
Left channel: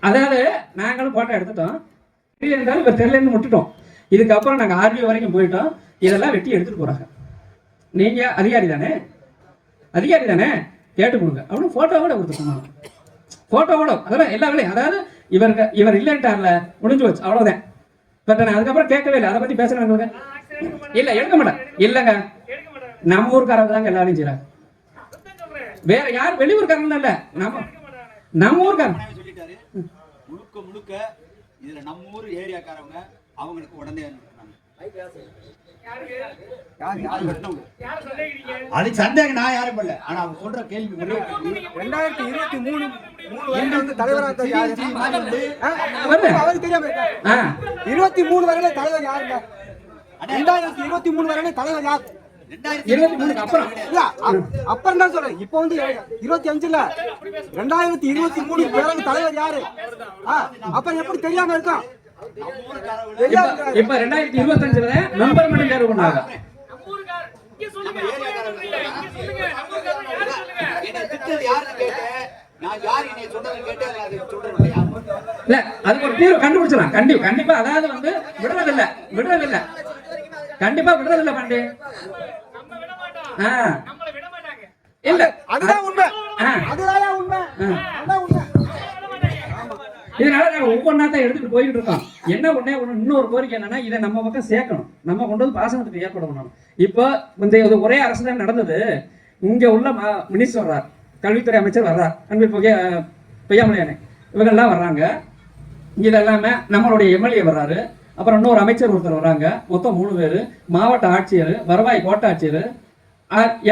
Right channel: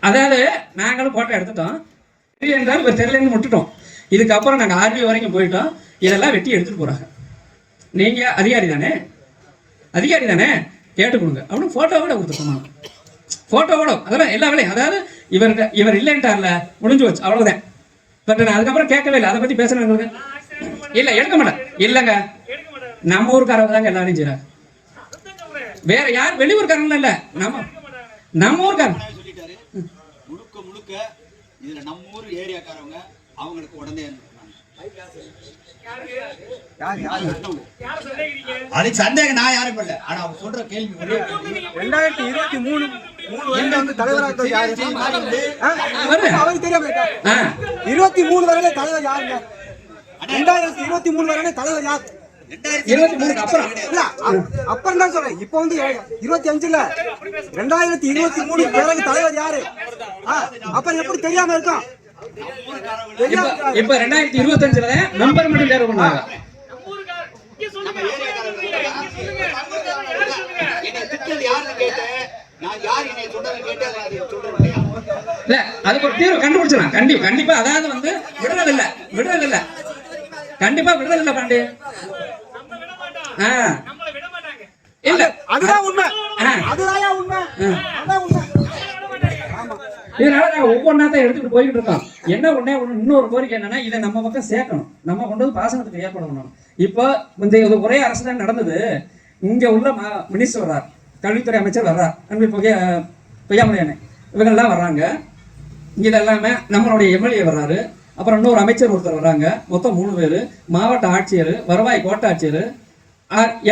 அதாவது நாங்களும் போட்டோ எடுத்துட்டோம், தெரியலன்னு விட்டுட்டோம். இதுக்கப்புறம் நாங்க ஆர்வி வரைக்கும் போயிட்டோம். இதெல்லாம் வெட்டி எடுத்துட்டு போறாங்க. நீங்க அதிகாரி தானே கேட்டு கொடுங்க அப்படின்னு போட்டோவோட கொடுத்துருக்கோம். போட்டோவோட அதெல்லாம் எல்லா வேலையும், அதாவது இவர் இல்லைன்ட்டார்ல, முடிஞ்சு வச்சு அவ்வளவுதான். பட் நான் அதுக்கப்புறம் கேட்கவே இல்லை, அதை பத்தி பேசுறேன் உங்களுக்கு. இல்ல எடுக்க மாட்டேன். இல்லங்க நம்ம ஊருக்காரங்க தாங்க எல்லாரும் செய்றாங்க, வேற யார் வெளியூர்காரங்க இல்ல, நம்ம ஊருக்காரங்க முழுக்க இதுல நம்ம ஊர் ஏரியாக்காரங்க அவங்களுக்கு உடனே அது சந்தேகம் நான் யாரும் இல்ல. ஆனா அவங்க சொல்ற கேள்வி 2023 தலைவராக 23 வரையில தலைவர் யாருங்க? 2023 வரையில தலைவர் யார்? 23 அப்புறம் இல்ல அப்புறம் தான் சொல்றேன். இப்போ 25 2023 பிறகு தலைவர் யாரு? அப்ப எப்படி தெரியாம இருக்கும்? இப்ப 2025 மெம்பர் மீட்டிங் தேர்வு பண்ணாங்க. இல்ல அதுக்கு ஒரு தீர்வு கண்டுபிடிச்சலாம். கண்டிப்பா அதாவது விடுறதில்ல கண்டிப்பா விடுறதில்ல பாண்டி. இல்ல அதுதான் உண்மை. இதனால நாங்க ஒவ்வொன்றா தான் எடுத்துட்டு போயிட்டு இருக்கோம். என்ன இன்னொரு கோரிக்கை என்னன்னா, இதை நம்ம பக்கம் சேர்க்கணும், நம்ம கொண்டு வந்து பாசனத்துக்கு ஏற்படணும். இப்போ இந்த ஒரே அரசு தான் நடந்தது. இங்க உள்ள மினிஸ்டர் வர்றார், கல்வித்துறை அமைச்சர் வர்றார், அன்பு பொய்யாமலையானே இவங்கெல்லாம் வர்றாங்க. இது எல்லாமே நம்மளுடைய எம்எல்ஏ வர்றாரு, அப்புறம் இன்னொரு அமைச்சர் ஒருத்தர் வர்றாங்க. மொத்தம் 3 பேர், மாவட்ட ஆட்சியர், வருவாய் கோட்டாட்சியர்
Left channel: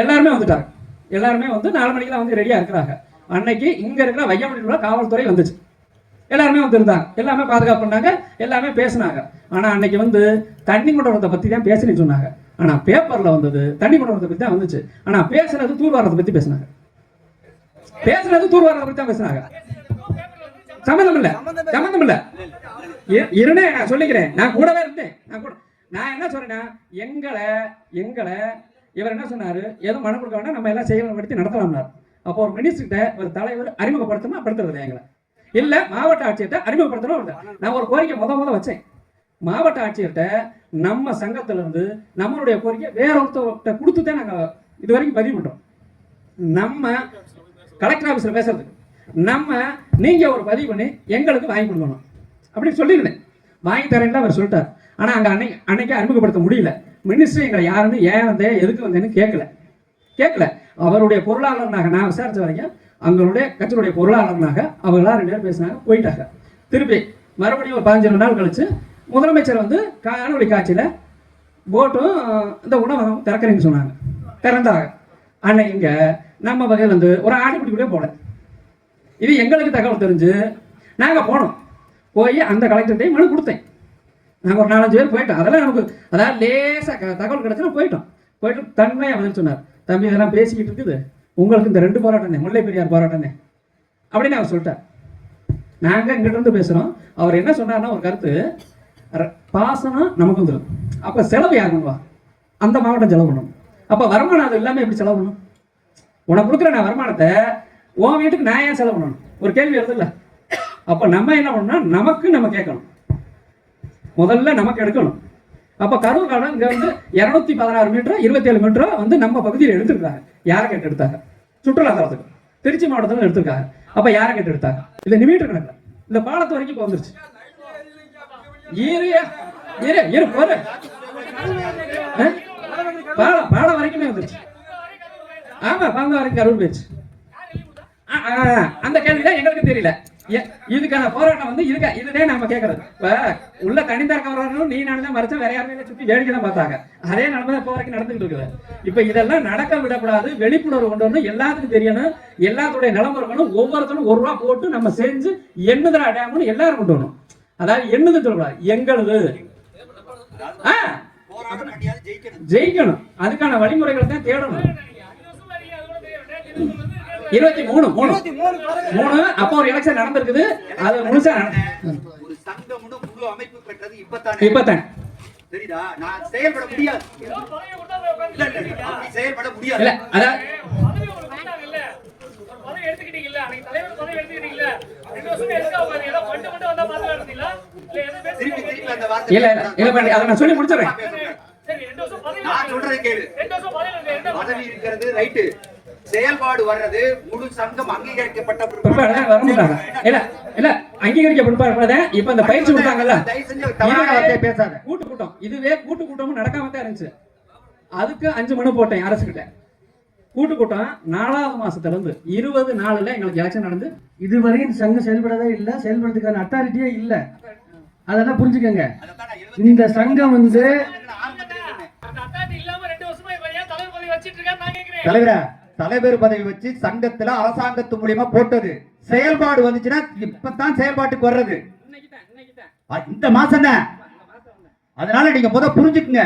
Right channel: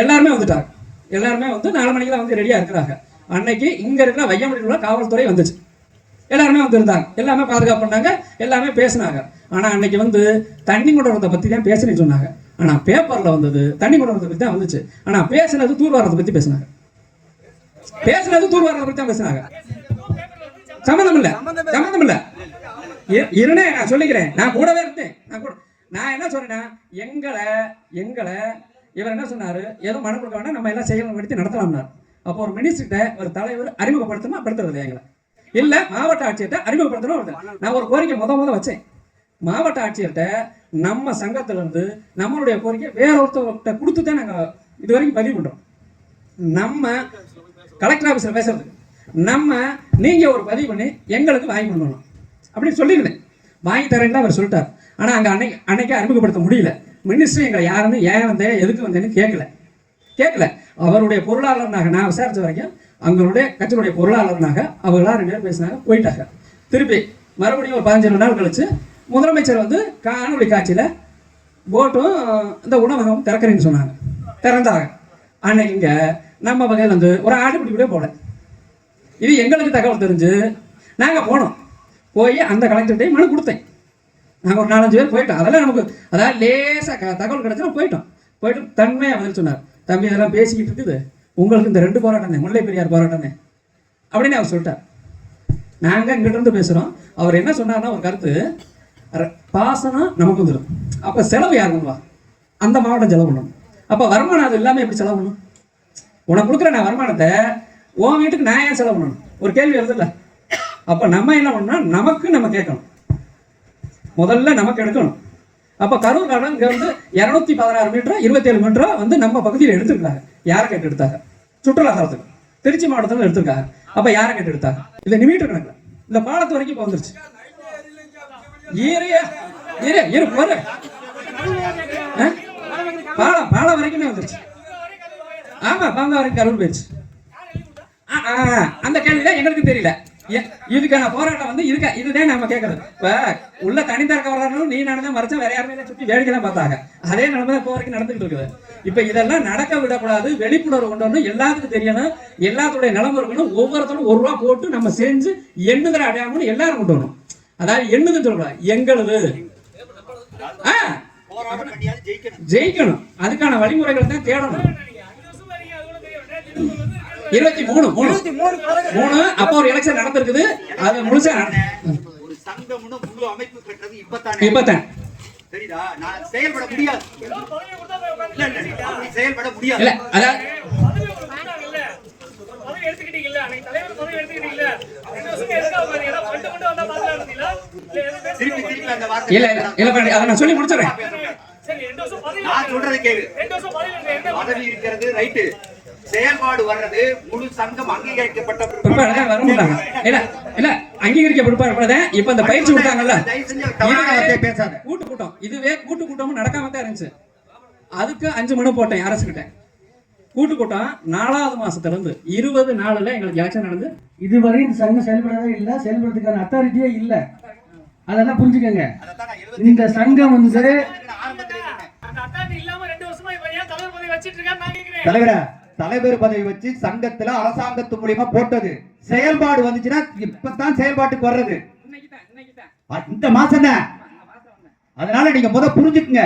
எல்லாருமே வந்துட்டாங்க. எல்லாருமே வந்து 4 மணிக்கெல்லாம் வந்து ரெடியா இருக்கிறாங்க. அன்னைக்கு இங்க இருக்கிற வையமொழியில் காவல்துறை வந்துச்சு, எல்லாருமே வந்து இருந்தாங்க, எல்லாமே பாதுகாப்பு பண்ணாங்க, எல்லாமே பேசினாங்க. ஆனா அன்னைக்கு வந்து தண்ணி கொண்டு பத்தி தான் பேசுன்னு சொன்னாங்க. ஆனா பேப்பர்ல வந்தது தண்ணி கொண்டு பத்தி தான் வந்துச்சு. ஆனா பேசுனது தூர்வாரத்தை பத்தி பேசினாங்க. சம்பந்தம் இல்ல. இருனே நான் சொல்லிக்கிறேன், நான் கூடவே இருந்தேன். நான் என்ன சொல்றேன்னா, எங்களை இவர் என்ன சொன்னாரு, ஏதோ மனு கொடுக்க வேண்டாம், நம்ம எல்லாம் செயல்படுத்தி நடத்தலாம்னார். அப்போ ஒரு மினிஸ்டர்கிட்ட ஒரு தலைவர் அறிமுகப்படுத்துறது எங்களை இல்ல மாவட்ட ஆட்சியர்கிட்ட அறிமுகப்படுத்தணும். நான் ஒரு கோரிக்கை முத வச்சேன். மாவட்ட ஆட்சியர்கிட்ட நம்ம சங்கத்துல இருந்து நம்மளுடைய கோரிக்கை வேற ஒருத்தர்கிட்ட கொடுத்துதான் நாங்க இது வரைக்கும் பதிவு பண்றோம். நம்ம கலெக்டர் ஆபீஸ்ல பேசுறது, நீங்க ஒரு பதிவு பண்ணி எங்களுக்கு வாங்கி கொடுக்கணும் அப்படின்னு சொல்லியிருந்தேன். வாங்கி தரேன்னு அவர் சொல்லிட்டார். ஆனா அங்க அன்னைக்கு அறிமுகப்படுத்த முடியல. மினிஸ்டர் எங்களை யாருன்னு ஏன் வந்தேன் எதுக்கு வந்தேன்னு கேட்கல. அவருடைய பொருளாளர்னாக நான் விசாரிச்ச வரைக்கும் அவங்களுடைய கட்சியுடைய பொருளாளர்னாக அவர்களா 2 பேர் பேசினாங்க, போயிட்டாங்க. திருப்பி மறுபடியும் ஒரு 15 நாள் கழிச்சு முதலமைச்சர் வந்து காணொலி காட்சியில போட்டும் இந்த உணவகம் திறக்கிறேன்னு சொன்னாங்க. திறந்தாங்க. அன்னைக்கு இங்க நம்ம வகையில் வந்து ஒரு ஆடுபிடி கூட போல. இது எங்களுக்கு தகவல் தெரிஞ்சு நாங்க போனோம். போய் அந்த கலெக்டர்கிட்டையும் மனு கொடுத்தேன். நாங்கள் ஒரு 4-5 பேர் போயிட்டோம். அதெல்லாம் நமக்கு அதாவது லேசாக தகவல் கிடைச்சா போயிட்டு தன்மையாக பதில் சொன்னார். தம்பி இதெல்லாம் பேசிக்கிட்டு இருக்குது, உங்களுக்கு இந்த 2 போராட்டம் முல்லை பெரியார் போராட்டம் அப்படின்னு அவர் சொல்லிட்டார். நாங்கள் இங்கிட்ட இருந்து பேசுகிறோம். அவர் என்ன சொன்னார்னா, ஒரு கருத்து, பாசனம் நமக்கு வந்துடும், அப்போ செலவு யார் பண்ணுவா? அந்த மாவட்டம் செலவு பண்ணணும். அப்போ வருமானம் அது எல்லாமே எப்படி செலவு பண்ணணும்? உனக்கு கொடுக்குற நான் வருமானத்தை உன் வீட்டுக்கு நான் ஏன் செலவு பண்ணணும்? ஒரு கேள்வி வருது இல்லை? அப்போ நம்ம என்ன பண்ணணும், நம்ம கேட்கணும், முதல்ல நமக்கு எடுக்கணும். அப்போ கரூர் காலம் இங்கே வந்து 216 மீட்டரா 27 மீட்டரா வந்து நம்ம பகுதியில் எடுத்துருக்காங்க. யாரை கேட்டு எடுத்தாங்க? சுற்றுலாத்தலத்துக்கு. திருச்சி மாவட்டத்துல எடுத்திருக்காங்க. அப்ப யாரை கேட்டு எடுத்தாங்க? இல்ல நிமிட்டு கணக்குல இந்த பாலத்து வரைக்கும் இப்ப வந்துருச்சு. போற பாலம் வரைக்குமே வந்துருச்சு. ஆமா, பாலம் வரைக்கும் கருள் போயிடுச்சு. அந்த கேள்விதான் எங்களுக்கு தெரியல. இதுக்கான போராட்டம் வந்து இதுதான் நம்ம கேட்கறது. இப்ப உள்ள தனித்தரக்க வர்றாலும் நீ நடந்தா மறைச்சா வேற யாருமே சுத்தி வேடிக்கை தான் பார்த்தாங்க. அதே நிலைமை இப்போ வரைக்கும் நடந்துகிட்டு இருக்குது. இப்ப இதெல்லாம் நடக்க விடக்கூடாது, விழிப்புணர்வு கொண்டு வரணும், எல்லாத்துக்கும் தெரியணும், எல்லாத்துடைய நிலைமை இருக்கணும். ஒவ்வொருத்தரும் ₹1 போட்டு நம்ம செஞ்சு எண்ணுதல் அடையாமல் எல்லாரும் கொண்டு வரணும். அதாவது எண்ணுதுன்னு சொல்லக்கூடாது, எங்களது ஜெயிக்கணும். அதுக்கான வழிமுறைகளை தான் தேடணும். 23 அப்போ ஒரு எலெக்ஷன் நடந்திருக்குது. அது முழுசா ஒரு சங்கம்னு முழு அமைப்பு கட்டறது இப்பதான் சரிடா. நான் செயல்பட முடியாது. அப்படி செயல்பட முடியாது. இல்ல அதான் எடுத்துக்கிட்டீங்கல்ல, அன்னைக்கு தலைவர் பதவி எடுத்துக்கிட்டீங்கல்ல, 2 வருஷம் எதுக்காக மாதிரி ஏதோ ஃபண்ட் மட்டும் வந்தா மாதிரி இருந்தீங்களா? இல்ல ஏதோ திருப்பி அந்த வார்த்தை இல்ல அதை நான் சொல்லி முடிச்சிடுறேன். சரி 2 வருஷம் பதவி நான் சொல்றதை கேளு. 2 வருஷம் பதவி என்ன பதவி இருக்கிறது ரைட்டு, செயல்பாடு வர்றது முழு சங்கம் அங்கீகரிக்கப்பட்ட அங்கீகரிக்க பிற்பாடு இப்ப இந்த பயிற்சி விட்டாங்கல்ல பேசாங்க. கூட்டு கூட்டம், இதுவே கூட்டு கூட்டமும் நடக்காம தான் இருந்துச்சு. அதுக்கு 5 மனு போட்டேன் அரசுகிட்ட. கூட்டு கூட்டம் 4வது மாசத்துல இருந்து 20 நாள்ல எங்களுக்கு எலெக்ஷன் நடந்து இதுவரையும் சங்கம் செயல்படவே இல்லை, செயல்படுறதுக்கான அத்தாரிட்டியே இல்லை. அதெல்லாம் புரிஞ்சுக்கங்க. இந்த சங்கம் வந்து அத்தாரிட்டி இல்லாம 2 வருஷமா இவன் ஏன் தலைவர் பதவி வச்சிட்டு இருக்கான்னு நான் கேக்குறேன். தலைவரா, தலைவர் பதவி வச்சு சங்கத்துல அரசாங்கத்து மூலியமா போட்டது செயல்பாடு வந்துச்சுன்னா இப்பதான் செயல்பாட்டுக்கு வர்றது இந்த மாசம் தான். அதனால நீங்க புரிஞ்சுக்குங்க.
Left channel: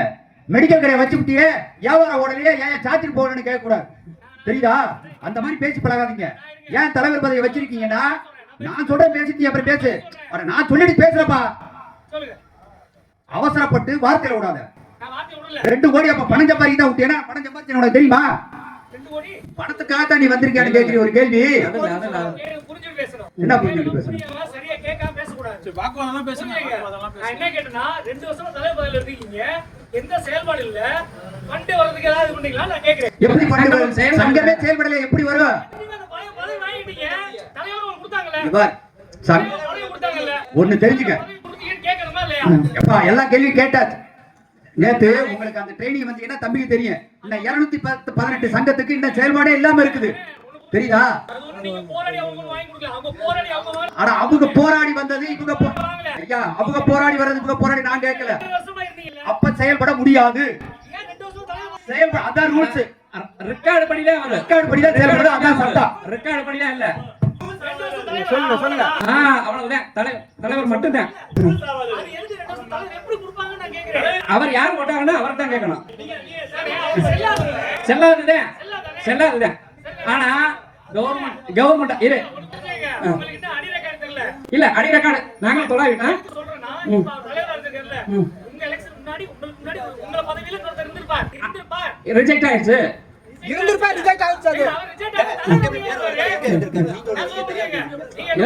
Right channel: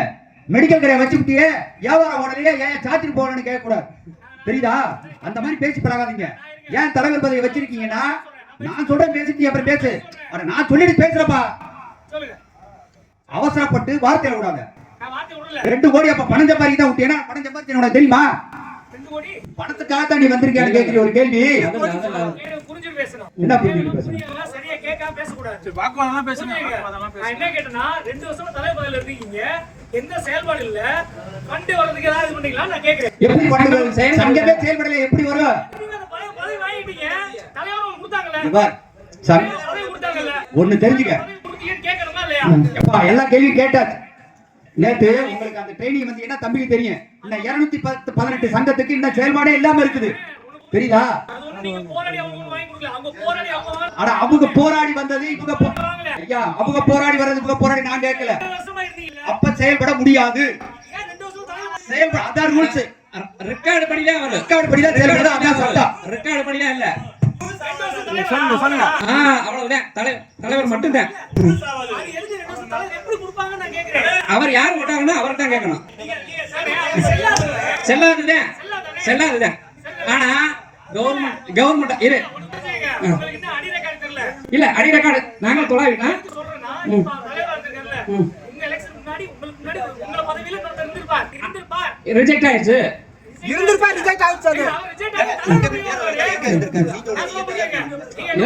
மெடிக்கல் கடையை வச்சுக்கிட்டே வியாபாரம் ஓடலையே ஏன் சாத்திட்டு போகணும்னு கேட்க கூடாது. தெரியுதா? அந்த மாதிரி பேசி பழகாதீங்க. ஏன் தலைவர் பதவி வச்சிருக்கீங்கன்னா நான் சொல்றேன் பேசிட்டு அப்புறம் பேசு. நான் சொல்லிட்டு பேசுறப்பா, அவசரப்பட்டு வார்த்தையில விடாத. 2 கோடி அப்ப பணம் சம்பாதிக்க தான் விட்டேன்னா பணம் சம்பாதிச்சு உனக்கு தெரியுமா? பணத்துக்காக தான் நீ வந்திருக்கியான்னு கேட்கிற ஒரு கேள்வி. புரிஞ்சு பேசணும். என்ன புரிஞ்சு பேசணும்? சரியா கேட்காம பேசக்கூடாது. வாக்குவாதம் பேசணும். நான் என்ன கேட்டேன்னா 2 வருஷமா தலைவர் பதவியில இருக்கீங்க, எந்த செயல்பாடு இல்ல, ஃபண்ட் வரதுக்கு ஏதாவது பண்ணீங்களா நான் கேக்குறேன். எப்படி பண்ணுங்க? சங்கமே செயல்படல எப்படி வரும்? பதவி வாங்கிட்டீங்க, தலைவர் கொடுத்தாங்கல்ல, பார் பதவி கொடுத்தாங்கல்ல, ஒன்னு தெரிஞ்சுக்க. கேட்கணுமா இல்லையா? எப்பா எல்லா கேள்வியும் கேட்டாச்சு. நேத்து உங்களுக்கு அந்த ட்ரைனிங் வந்து என்ன தம்பிக்கு தெரியும். இன்னும் 218 சங்கத்துக்கு இன்னும் செயல்பாடே இல்லாம இருக்குது. தெரியுதா? ஆனா அவங்க போராடி வந்தது இவங்க ஐயா, அவங்க போராடி வர்றது இவங்க போராடி நான் கேட்கல. அப்ப செயல்பட முடியாது. செயல்பட அதான் ரூல்ஸ். ரெக்கார்டு படிதான் வரும். ரெக்கார்டு படிதான் செயல்பட அதான் சட்டம். ரெக்கார்டு படிதான் இல்ல. சொல்லுங்க. அவ்வளவுதான். தலைவர் மட்டும்தான். அவர் யார் போட்டாங்கன்னா அவர் தான் கேட்கணும். செல்லாதுதான். ஆனா கவர்மெண்ட் இரு இல்ல அடி ரெக்கார்டு நாங்க தொலைவிட்டோம். ரிஜெக்ட் ஆயிடுச்சு.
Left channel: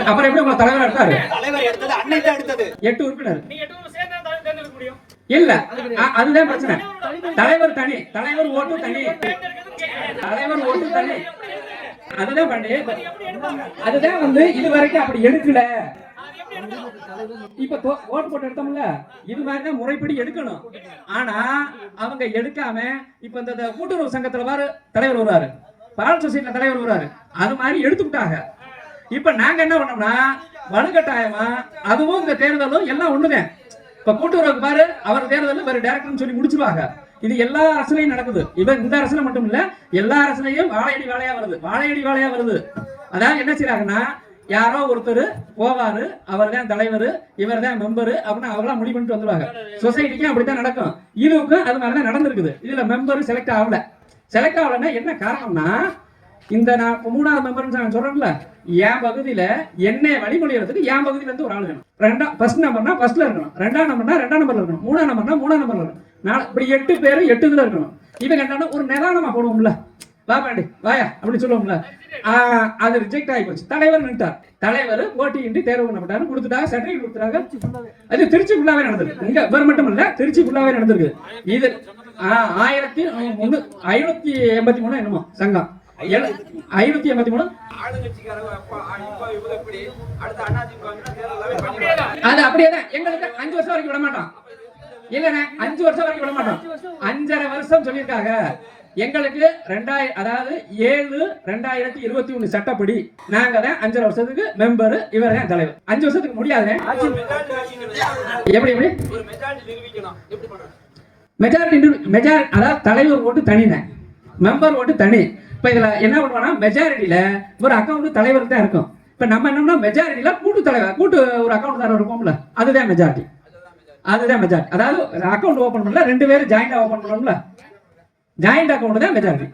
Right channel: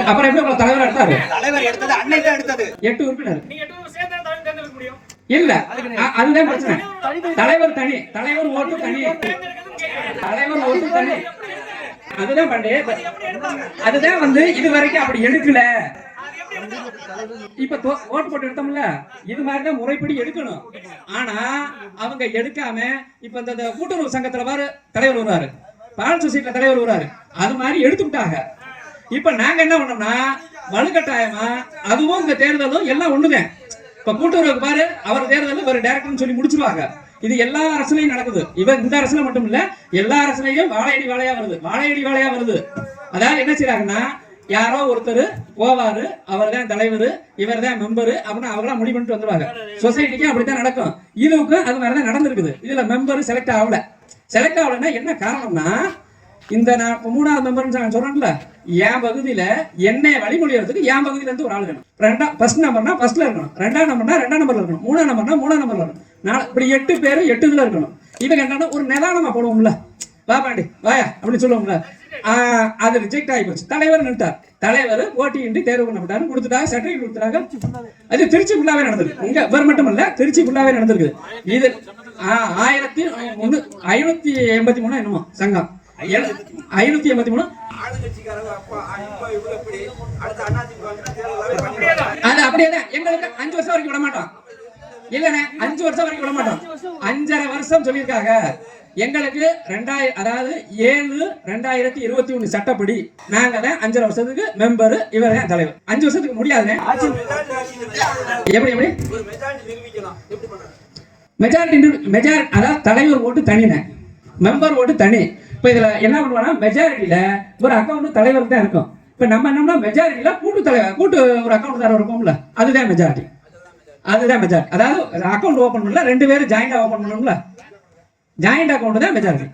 அப்புறம் எப்படி உங்க தலைவர் எடுத்தாரு? தலைவர் எடுத்தது அன்னைக்கு தான் எடுத்தது. 8 உறுப்பினர் இல்ல. அதுதான் பிரச்சனை. தலைவர் தனி, தலைவர் ஓட்டு தனி, தலைவர் ஓட்டு தனி. அதுதான் பண்ணி அதுதான் வந்து இது வரைக்கும் அப்படி எடுக்கல. இப்ப ஓட்டு போட்டு எடுத்தோம்ல, இது மாதிரிதான் முறைப்படி எடுக்கணும். ஆனா அவங்க எடுக்காம இப்ப இந்த கூட்டுறவு சங்கத்துல பாரு தலைவர் வருவாரு, பால் சொசைட்டில தலைவர் வருவாரு, அது மாதிரி எடுத்துக்கிட்டாங்க. இப்ப நாங்க என்ன பண்ணோம்னா வலுக்கட்டாயமா அதுவும் இந்த தேர்தலும் எல்லாம் ஒண்ணுதான். இப்ப கூட்டுறவுக்கு பாரு அவர் தேர்தலும் வேற டைரக்டர்னு சொல்லி முடிச்சிருவாங்க. இது எல்லா அரசுலயும் நடக்குது. இந்த அரசுல மட்டும் இல்ல, எல்லா அரசுலயும் வாழையடி வாழையா வருது. அதாவது என்ன செய்யறாங்கன்னா, யாரோ ஒருத்தர் போவாரு, அவர் தான் தலைவர், இவர் தான் மெம்பரு அப்படின்னு அவங்களாம் முடிவு பண்ணிட்டு வந்துருவாங்க. சொசைட்டிக்கும் அப்படித்தான் நடக்கும். இதுக்கும் அது மாதிரிதான் நடந்திருக்குது. இதுல மெம்பர் செலக்ட் ஆகலன்னா என்ன காரணம்னா, இந்த நான் 3வது மெம்பர் நான் சொல்றேன்ல, என் பகுதியில என்னைய வழிமொழியறதுக்கு என் பகுதியில இருந்து ஒரு ஆள் இருக்கணும். ஃபர்ஸ்ட் நம்பர்னா ஃபர்ஸ்ட்ல இருக்கணும், 2ஆம் நம்பர்னா 2ஆம் நம்பர்ல இருக்கணும், 3ஆம் நம்பர்னா 3ஆம் நம்பர்ல இருக்கணும். இப்படி 8 பேர் 8 இதுல இருக்கணும். இவங்க என்னன்னா ஒரு நிதானமா போடுவோம்ல, வா பாண்டி வாயா அப்படின்னு சொல்லுவோம்ல, அது ரிஜெக்ட் ஆகி போச்சு. தலைவர் நின்ட்டார். தலைவர் போட்டியின்றி தேர்வு பண்ணப்பட்டாரு, கொடுத்துட்டாங்க, சர்டிபிகேட் கொடுத்துட்டாங்க. அது திருச்சி ஃபுல்லாவே நடந்திருக்கு. இங்க இவர் மட்டும் இல்ல, திருச்சி ஃபுல்லாவே நடந்திருக்கு. இது 1583 என்னமோ சங்கம். 583. அது அப்படியேதான். எங்களுக்கு 5 வருஷம் வரைக்கும் விட மாட்டோம். இல்லண்ணே 5 வருஷம் வரைக்கும் விட மாட்டோம். 5.5 வருஷம் சொல்லியிருக்காங்க. எங்களுக்கு 7/2021 சட்டப்படி நாங்க தான் 5.5 வருஷத்துக்கு மெம்பர், இவர் தான் தலைவர். 5 வருஷத்துக்கு முடியாதுண்ணே. எப்படி மெஜாரிட்டி அதாவது தலைவர் ஓட்டு தனினே, மெம்பர் ஓட்டு தனி. இப்ப இதுல என்ன பண்ணுவோம்னா மெஜாரிட்டியில ஒரு அக்கௌண்ட் தலைவருக்கு தான் இருக்கும். இப்ப நம்ம என்னன்னா மெஜாரிட்டியில கூட்டு தலைவர் கூட்டு ஒரு அக்கௌண்ட் தர இருக்கும்ல, அதுதான் மெஜாரிட்டி. அதாவது அக்கௌண்ட் ஓபன் பண்ணல 2 பேரும் ஜாயிண்டா ஓபன் பண்ணோம்ல, ஜாயிண்ட் அக்கௌண்ட் தான் மெஜாரிட்டி.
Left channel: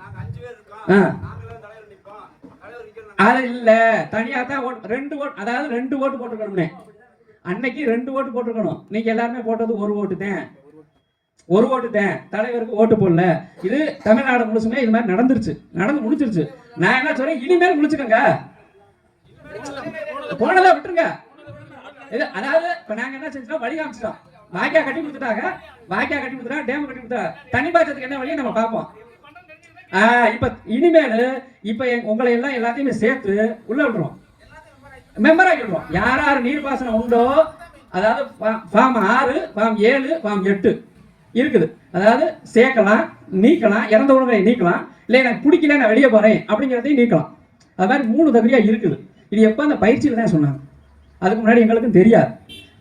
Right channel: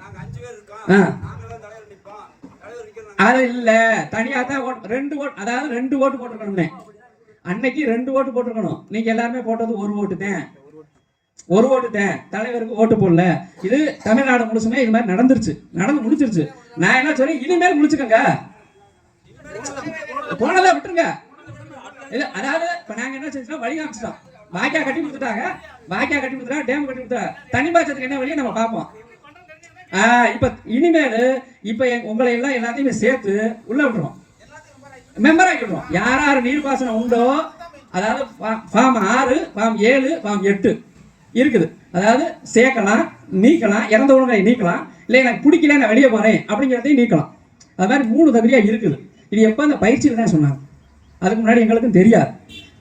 அது இல்ல தனியா தான் 2 ஓட்டு, அதாவது 2 ஓட்டு போட்டுக்கணும்னே. அன்னைக்கு 2 ஓட்டு போட்டுக்கணும். நீங்க எல்லாருமே போட்டது 1 ஓட்டு தான். 1 ஓட்டு தான், தலைவருக்கு ஓட்டு போடல. இது தமிழ்நாடு முழுசுமே இது மாதிரி நடந்து முடிச்சிருச்சு. நான் என்ன சொல்றேன், இனிமேல் முடிச்சுக்கோங்க, போனதை விட்டுருங்க. அதாவது இப்ப நாங்க என்ன செஞ்சோம், வழி காமிச்சிட்டோம். வாய்க்கா கட்டி கொடுத்துட்டாங்க, டேம் கட்டி கொடுத்துட்டாங்க. தனி பாய்ச்சத்துக்கு என்ன வழியை நம்ம பார்ப்போம். இப்ப இனிமேல் இப்ப உங்களை எல்லாம் எல்லாத்தையுமே சேர்த்து உள்ள விட்டுருவோம், மெம்பர் ஆக்கி விட்டுருவோம். யார் நீர்ப்பாசனம் உண்டோ, அதாவது ஃபார்ம் 6, ஃபார்ம் 7, ஃபார்ம் 8 இருக்குது. அதாவது சேர்க்கலாம், நீக்கலாம், இறந்த உடனே நீக்கலாம், இல்லை எனக்கு பிடிக்கல நான் வெளியே போறேன் அப்படிங்கிறதையும் நீக்கலாம். அது மாதிரி 3 தகுதியா இருக்குது. இது எப்ப அந்த பயிற்சியில தான் சொன்னாங்க. அதுக்கு முன்னாடி எங்களுக்கும் தெரியாது,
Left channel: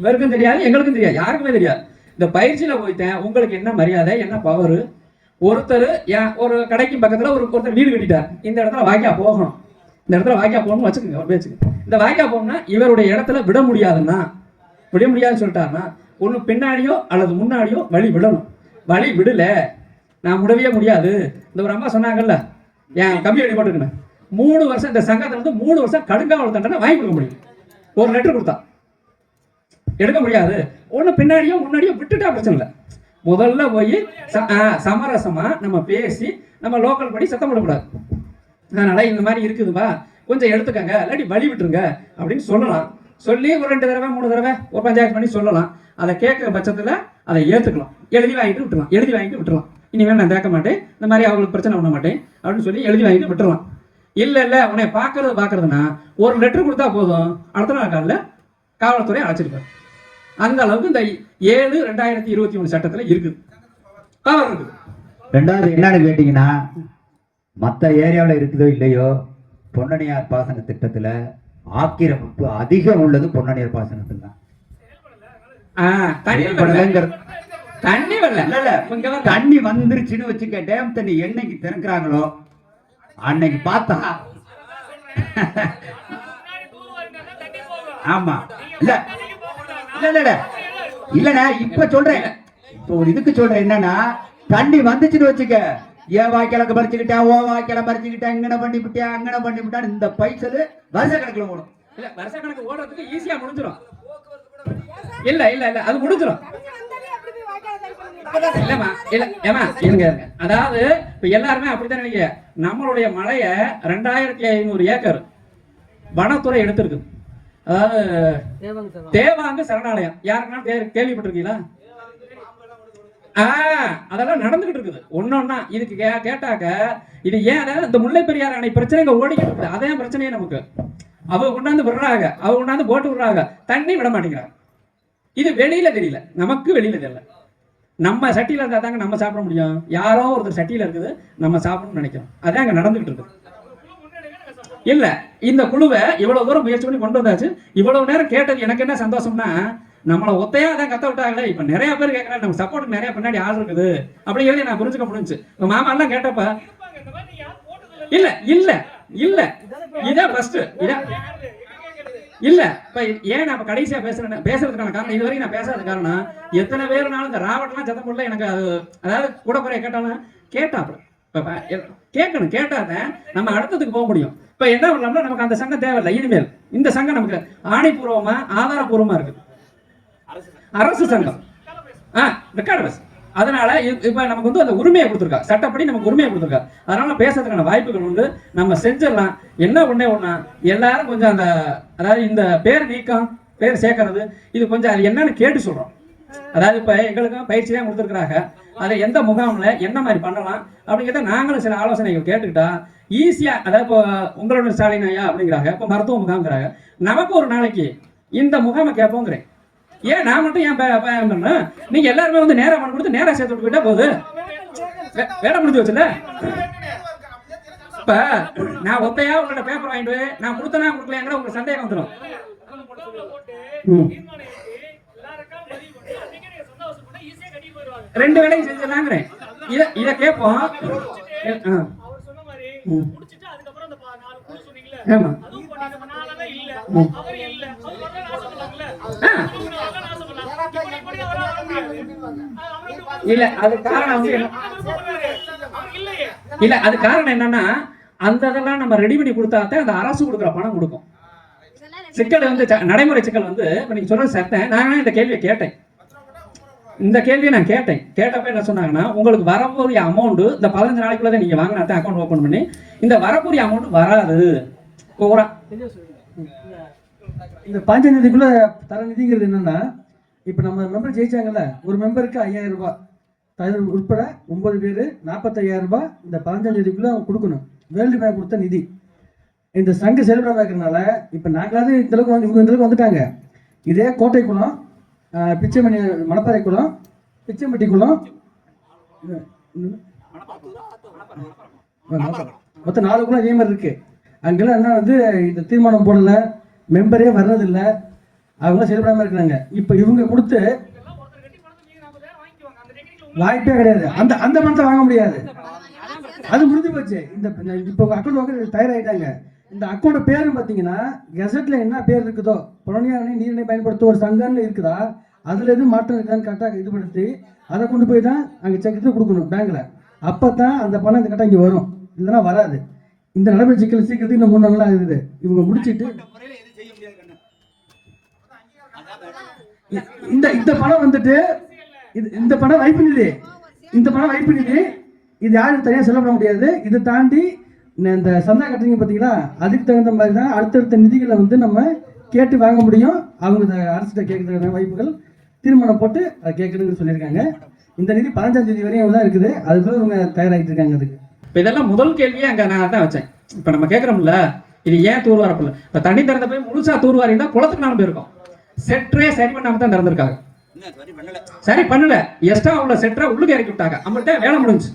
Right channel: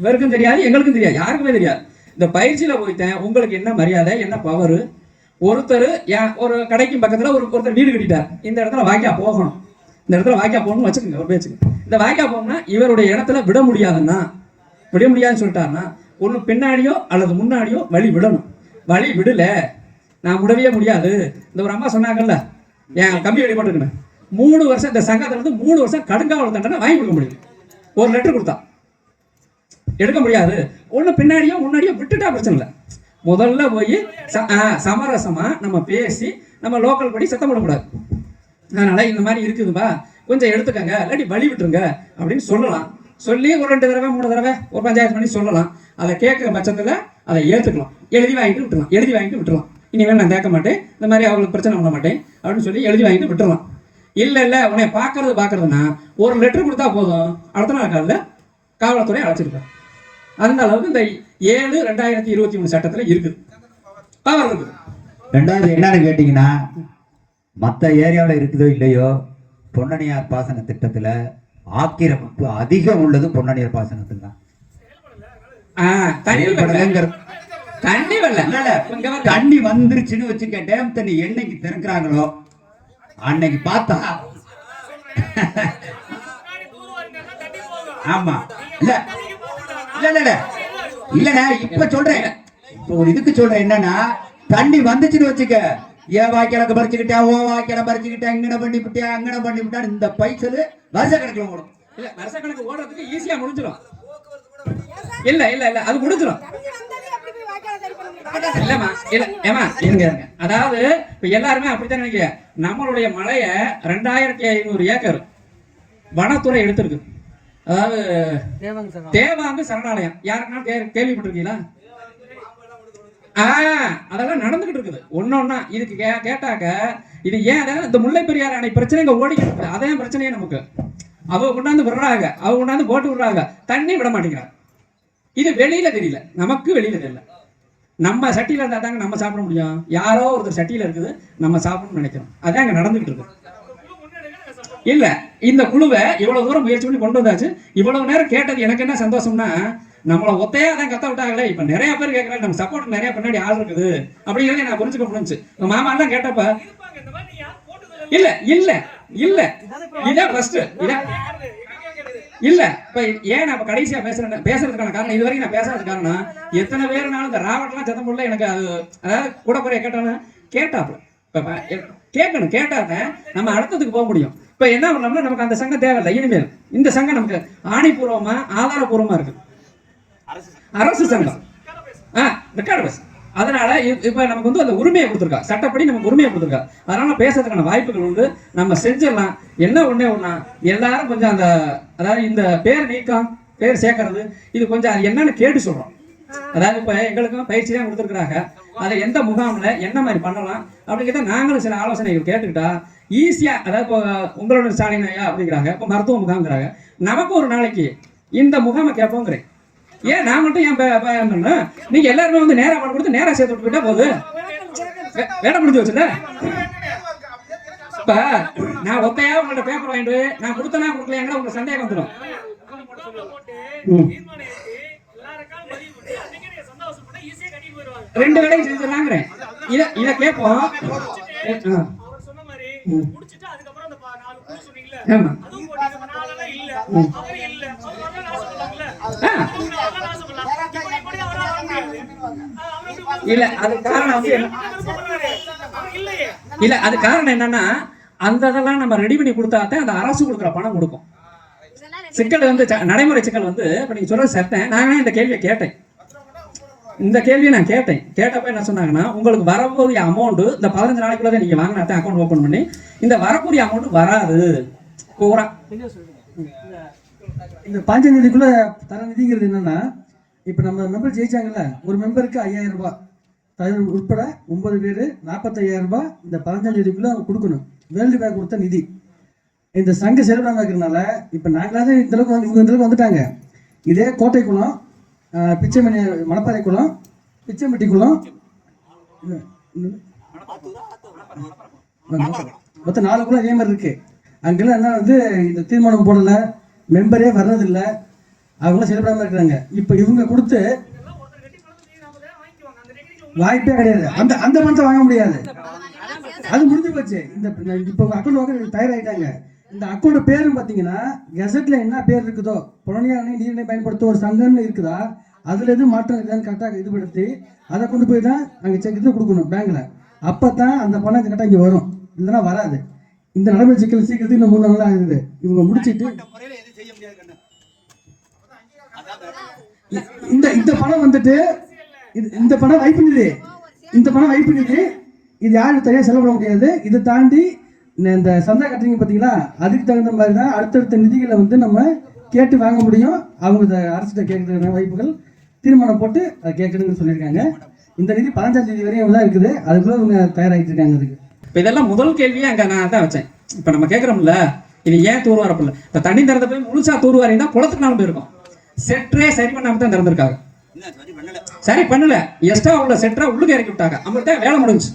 இவருக்கும் தெரியாது, எங்களுக்கும் தெரியாது, யாருக்குமே தெரியாது. இந்த பயிற்சியில போயிட்டேன், உங்களுக்கு என்ன மரியாதை, என்ன பவர். ஒருத்தர் ஒரு கடைக்கும் பக்கத்துல ஒருத்தர் வீடு கட்டிட்டார், இந்த இடத்துல வாய்க்கா போகணும், இந்த இடத்துல வாய்க்கா போகணும்னு வச்சுக்கோங்க, ஒரு பேச்சுக்கு. இந்த வாய்க்கா போகணும்னா இவருடைய இடத்துல விட முடியாதுன்னு சொல்லிட்டாருன்னா ஒண்ணு பின்னாடியோ அல்லது முன்னாடியோ வழி விடணும். வழி விடல, நான் விடவே முடியாது. இந்த ஒரு அம்மா சொன்னாங்கல்ல, என் கம்பி வழி போட்டுக்கணும், 3 வருஷம் இந்த சங்கத்துல இருந்து 3 வருஷம் கடுங்காவல் தண்டனை வாங்கி கொடுக்க முடியும். ஒரு லெட்டர் கொடுத்தா எடுக்க முடியாது. ஒண்ணு பின்னாடியோ முன்னாடியோ விட்டுட்டா பிரச்சனை இல்லை. முதல்ல போய் சமரசமா நம்ம பேசி நம்ம லோக்கல் படி சத்தம் போடக்கூடாது. அதனால இந்த மாதிரி இருக்குதுப்பா, கொஞ்சம் எடுத்துக்கங்க, இல்லாட்டி வழி விட்டுருங்க அப்படின்னு சொல்லலாம். சொல்லி ஒரு 2 தடவை 3 தடவை ஒரு பஞ்சாயத்து பண்ணி சொல்லலாம். அதை கேட்குற பட்சத்தில் அதை ஏற்றுக்கலாம், எழுதி வாங்கிட்டு விட்டுறலாம். இனிமேல் நான் கேட்க மாட்டேன், இந்த மாதிரி அவங்களுக்கு பிரச்சனை பண்ண மாட்டேன் அப்படின்னு சொல்லி எழுதி வாங்கிட்டு விட்டுறலாம். இல்லை உன்னை பார்க்கறதுன்னா ஒரு லெட்டர் கொடுத்தா போதும், அடுத்த நாள் காலையில் காவல்துறை அழைச்சிருக்காங்க. அந்த அளவுக்கு இந்த 7/2021 சட்டத்துல இருக்குது, பவர் இருக்குது. 2வது என்னன்னு கேட்டீங்கன்னா, மற்ற ஏரியாவில் இருக்குதோ இல்லையோ, பொன்னணியார் பாசன திட்டத்துல ஆக்கிரமிப்பு அதிகம் உள்ளது பொன்னணியார் பாசனத்தில் தான். தண்ணி வந்துருச்சுன்னு வச்சுக்க, டேம் தண்ணி என்னைக்கு திறக்கிறாங்களோ அன்னைக்கு பார்த்தா ஆமா இல்லண்ணா இப்ப சொல்றேன், இப்ப ஒரு இதுக்கு சொல்றேன் என்னன்னா, தண்ணி வந்துச்சுன்னு வச்சுக்க, ஏன் வாய்க்கால பறிச்சுக்கிட்டா, ஓ வாய்க்கால பறிச்சுக்கிட்டா, இங்கன பண்ணிவிட்டியா, அங்கன பண்ணிவிட்டா, இந்த பைசல் வருஷ கணக்குல ஓடும். இல்ல வருஷ கணக்கு ஓடுறதுக்கு ஈஸியா முடிஞ்சிடும். இல்ல அது முடிஞ்சிடும். அதாவது இப்ப எல்லாருமே அப்படித்தான் நினைக்கிறேன். நம்மளுடைய மலைய 2500 ஏக்கர் வனத்துறை எடுத்திருக்கு. அதாவது தேவாங்க சரணாலயம், யாருக்குன்னா கேள்விப்பட்டிருக்கீங்களா? அதெல்லாம் நடந்துகிட்டு இருக்குது ஒன்னொன்னா. இதுக்கு கேட்டாக்க இது ஏன் இந்த முல்லை பெரியார் அணை பிரச்சனை இங்க ஓடிக்கிட்டு இருக்குது. அதே பிரச்சனையே நமக்கு. அவங்க கொண்டாந்து விடுறாங்க, அவங்க கொண்டாந்து போட்டு விடுறாங்க, தண்ணி விட மாட்டேங்கிறாங்க. இது வெளியில தெரியல, நமக்கு வெளியில தெரியல. நம்ம சட்டியில இருந்தா தாங்க நம்ம சாப்பிட முடியும். யாரோ ஒருத்தர் சட்டியில இருக்குது, நம்ம சாப்பிடணும்னு நினைக்கிறோம். அதான் அங்க நடந்துகிட்டு இருக்கு. இல்ல இந்த குழுவை இவ்வளவு தூரம் முயற்சி பண்ணி கொண்டு வந்தாச்சு. இவ்வளவு நேரம் கேட்டது எனக்கு என்ன சந்தோஷம்னா, நம்மள ஒத்தையா தான் கத்த விட்டாங்களே, இப்ப நிறைய பேர் கேட்கறாங்க, நம்ம சப்போர்ட் நிறைய பின்னாடி ஆள் இருக்குது அப்படிங்கிறத நான் புரிஞ்சுக்க முடிஞ்சு. உங்க மாமா எல்லாம் கேட்டப்ப இல்ல இதான் ஃபர்ஸ்ட். இல்ல இப்ப ஏன் நான் கடைசியா பேசுறதுக்கான காரணம், இது வரைக்கும் நான் பேசுறதுக்கு காரணம், எத்தனை பேருனாலும் இந்த ராவட்லாம் சத்தம் போடல எனக்கு. அது அதாவது கூட குறைய கேட்டாப்ல கேட்கணும், கேட்டாதான் நம்ம அடுத்ததுக்கு போக முடியும். இப்ப என்ன பண்ணலாம்னா, நமக்கு அந்த சங்கம் தேவையில்லை. இனிமேல் இந்த சங்கம் நமக்கு ஆணிபூர்வமா ஆதாரபூர்வமா இருக்கு, அரசு சங்கம், ரெக்கார்டு பஸ். அதனால இப்ப நமக்கு வந்து அந்த உரிமையை கொடுத்துருக்கா, சட்டப்படி நமக்கு உரிமையை கொடுத்துருக்கா. அதனால பேசுறதுக்கான வாய்ப்புகள் உண்டு, நம்ம செஞ்சிடலாம். என்ன ஒண்ணா எல்லாரும் கொஞ்சம் அந்த, அதாவது இந்த பேர் நீக்கம், பேர் சேர்க்கறது, இது கொஞ்சம் அது என்னன்னு கேட்டு சொல்றோம். அதாவது இப்ப எங்களுக்கும் பயிற்சி தான் கொடுத்துருக்காங்க, அதை எந்த முகாம்ல என்ன மாதிரி பண்ணலாம் அப்படிங்கிறத நாங்களும் சில ஆலோசனைகள் கேட்டுக்கிட்டா ஈஸியா, அதாவது இப்போ உங்களோட ஸ்டாலின் ஐயா அப்படிங்கிறாங்க, இப்போ மருத்துவ முகாம்ங்கிறாங்க. நமக்கு ஒரு நாளைக்கு இந்த முகாமை கேட்போங்கிறேன். ஏன் நான் மட்டும் ஏன் பண்ணணும்? நீங்க எல்லாருமே வந்து நேரா மனு கொடுத்து நேரா சேர்த்து விட்டு போயிட்டா போகுது, வேலை முடிஞ்சு வச்சுல. இப்ப நான் ஒத்தையா உங்கள்ட்ட பேப்பர் வாங்கிட்டு நான் கொடுத்தனா கொடுக்கலையாங்கிற உங்க சந்தேகம் வந்துடும். ரெண்டு வேலையும் செஞ்சிடலாங்கிறேன். இத கேட்போம். ஆமா இல்ல அது காரணம் வந்து இல்ல அது காரணம் என்னன்னா, அந்த இதெல்லாம் நம்ம ரெடி பண்ணி கொடுத்தாதான் அந்த அரசு கொடுக்குற பணம் கொடுக்கும். சிக்கல் வந்து நடைமுறை சிக்கல் வந்து இப்ப நீங்க சொல்றது சத்தேன். நான் இந்த கேள்வியை கேட்டேன், இந்த கேள்வியை நான் கேட்டப்ப என்ன சொன்னாங்கன்னா, உங்களுக்கு வரக்கூடிய அமௌண்ட் இந்த 15 நாளைக்குள்ள நீங்க வாங்கினாத்தான் அக்கௌண்ட் ஓபன் பண்ணி, இந்த வரக்கூடிய அமௌண்ட் வராது. இந்த 15 நிதிக்குள்ள தர நிதிங்கிறது என்னன்னா, இப்ப நம்ம மெம்பர் ஜெயிச்சாங்கல்ல, ஒரு மெம்பருக்கு 5000 ரூபாய் தகுதி உட்பட 9 பேர் 45,000 ரூபாய் இந்த 15 நிதிக்குள்ள கொடுக்கணும். வேர்ல்டு பேங்க் கொடுத்த நிதி இந்த சங்க செயல்படாம இருக்கிறதுனால இப்ப நாங்களாவது இந்த அளவுக்கு வந்து இவங்க இந்த அளவுக்கு வந்துட்டாங்க. இதே கோட்டை குளம், பிச்சைமணி, மணப்பாறை குளம், பிச்சைம்பட்டி குளம், மொத்தம் 4 குளம் இதே மாதிரி இருக்கு. அங்கெல்லாம் என்ன வந்து இந்த தீர்மானம் போடல, மெம்பரே வர்றதில்லை, அவங்க செயல்படாம இருக்கிறாங்க. இப்ப இவங்க கொடுத்து வாய்ப்பே கிடையாது. அந்த அந்த பணத்தை வாங்க முடியாது, அது முடிஞ்சு போச்சு. இந்த இப்போ அக்கௌண்ட் வாங்க தயாராகிட்டாங்க. இந்த அக்கௌண்ட் பேரும் பார்த்தீங்கன்னா கெசட்ல என்ன பேர் இருக்குதோ, புறநிலை நீரினை பயன்படுத்த ஒரு சங்கம்னு இருக்குதா, அதுல எதுவும் மாற்றம் இருக்குதான்னு கரெக்டாக இதுபடுத்தி அதை கொண்டு போய் தான் அங்கே செக் இது கொடுக்கணும் பேங்க்ல. அப்பதான் அந்த பணம் கரெக்டாக இங்கே வரும், இல்லைன்னா வராது. இந்த நடைமுறை சிக்கல் சீக்கிரத்துக்கு இன்னும் 3 நாள் ஆகுது. இவங்க முடிச்சிட்டு இந்த பணம் வந்துட்டு இந்த பணம் வைப்பு நிதி, இந்த பணம் வைப்பு நிதி, இது யாரும் தனியாக செலவிட முடியாது. இதை தாண்டி இந்த சந்தா கட்டுறீங்க பார்த்தீங்களா, அதுக்கு தகுந்த மாதிரி தான் அடுத்தடுத்த நிதிகளை வந்து நம்ம கேட்டு வாங்க முடியும். அவங்க அரசிட்ட கேட்கறதுக்கான வாய்ப்புகள் தீர்மானம் போட்டு அதை கேட்கணும்னு சொல்லியிருக்காங்க. இந்த நிதி 15ஆம் தேதி வரையும் தான் இருக்குது, அதுக்குள்ள அவங்க தயாராகிட்டு இருக்காங்க. அதுக்கு இதெல்லாம் முதல் கேள்வியே அங்கே நான் தான் வச்சேன். இப்போ நம்ம கேட்குறோம்ல, இது ஏன் தூர்வாரப்பில்லை? இப்போ தண்ணி திறந்த போய் முழுசா தூர்வாரி இருந்தால் குளத்துக்கு நாளும் போயிருக்கும். செட்டரே சரி பண்ணாம தான் திறந்திருக்காங்க, சரி பண்ணல. எக்ஸ்ட்ரா உள்ள செட்டரை உள்ளுக்கு இறக்கி விட்டாங்க, அவங்கள்ட்ட வேலை முடிஞ்சு.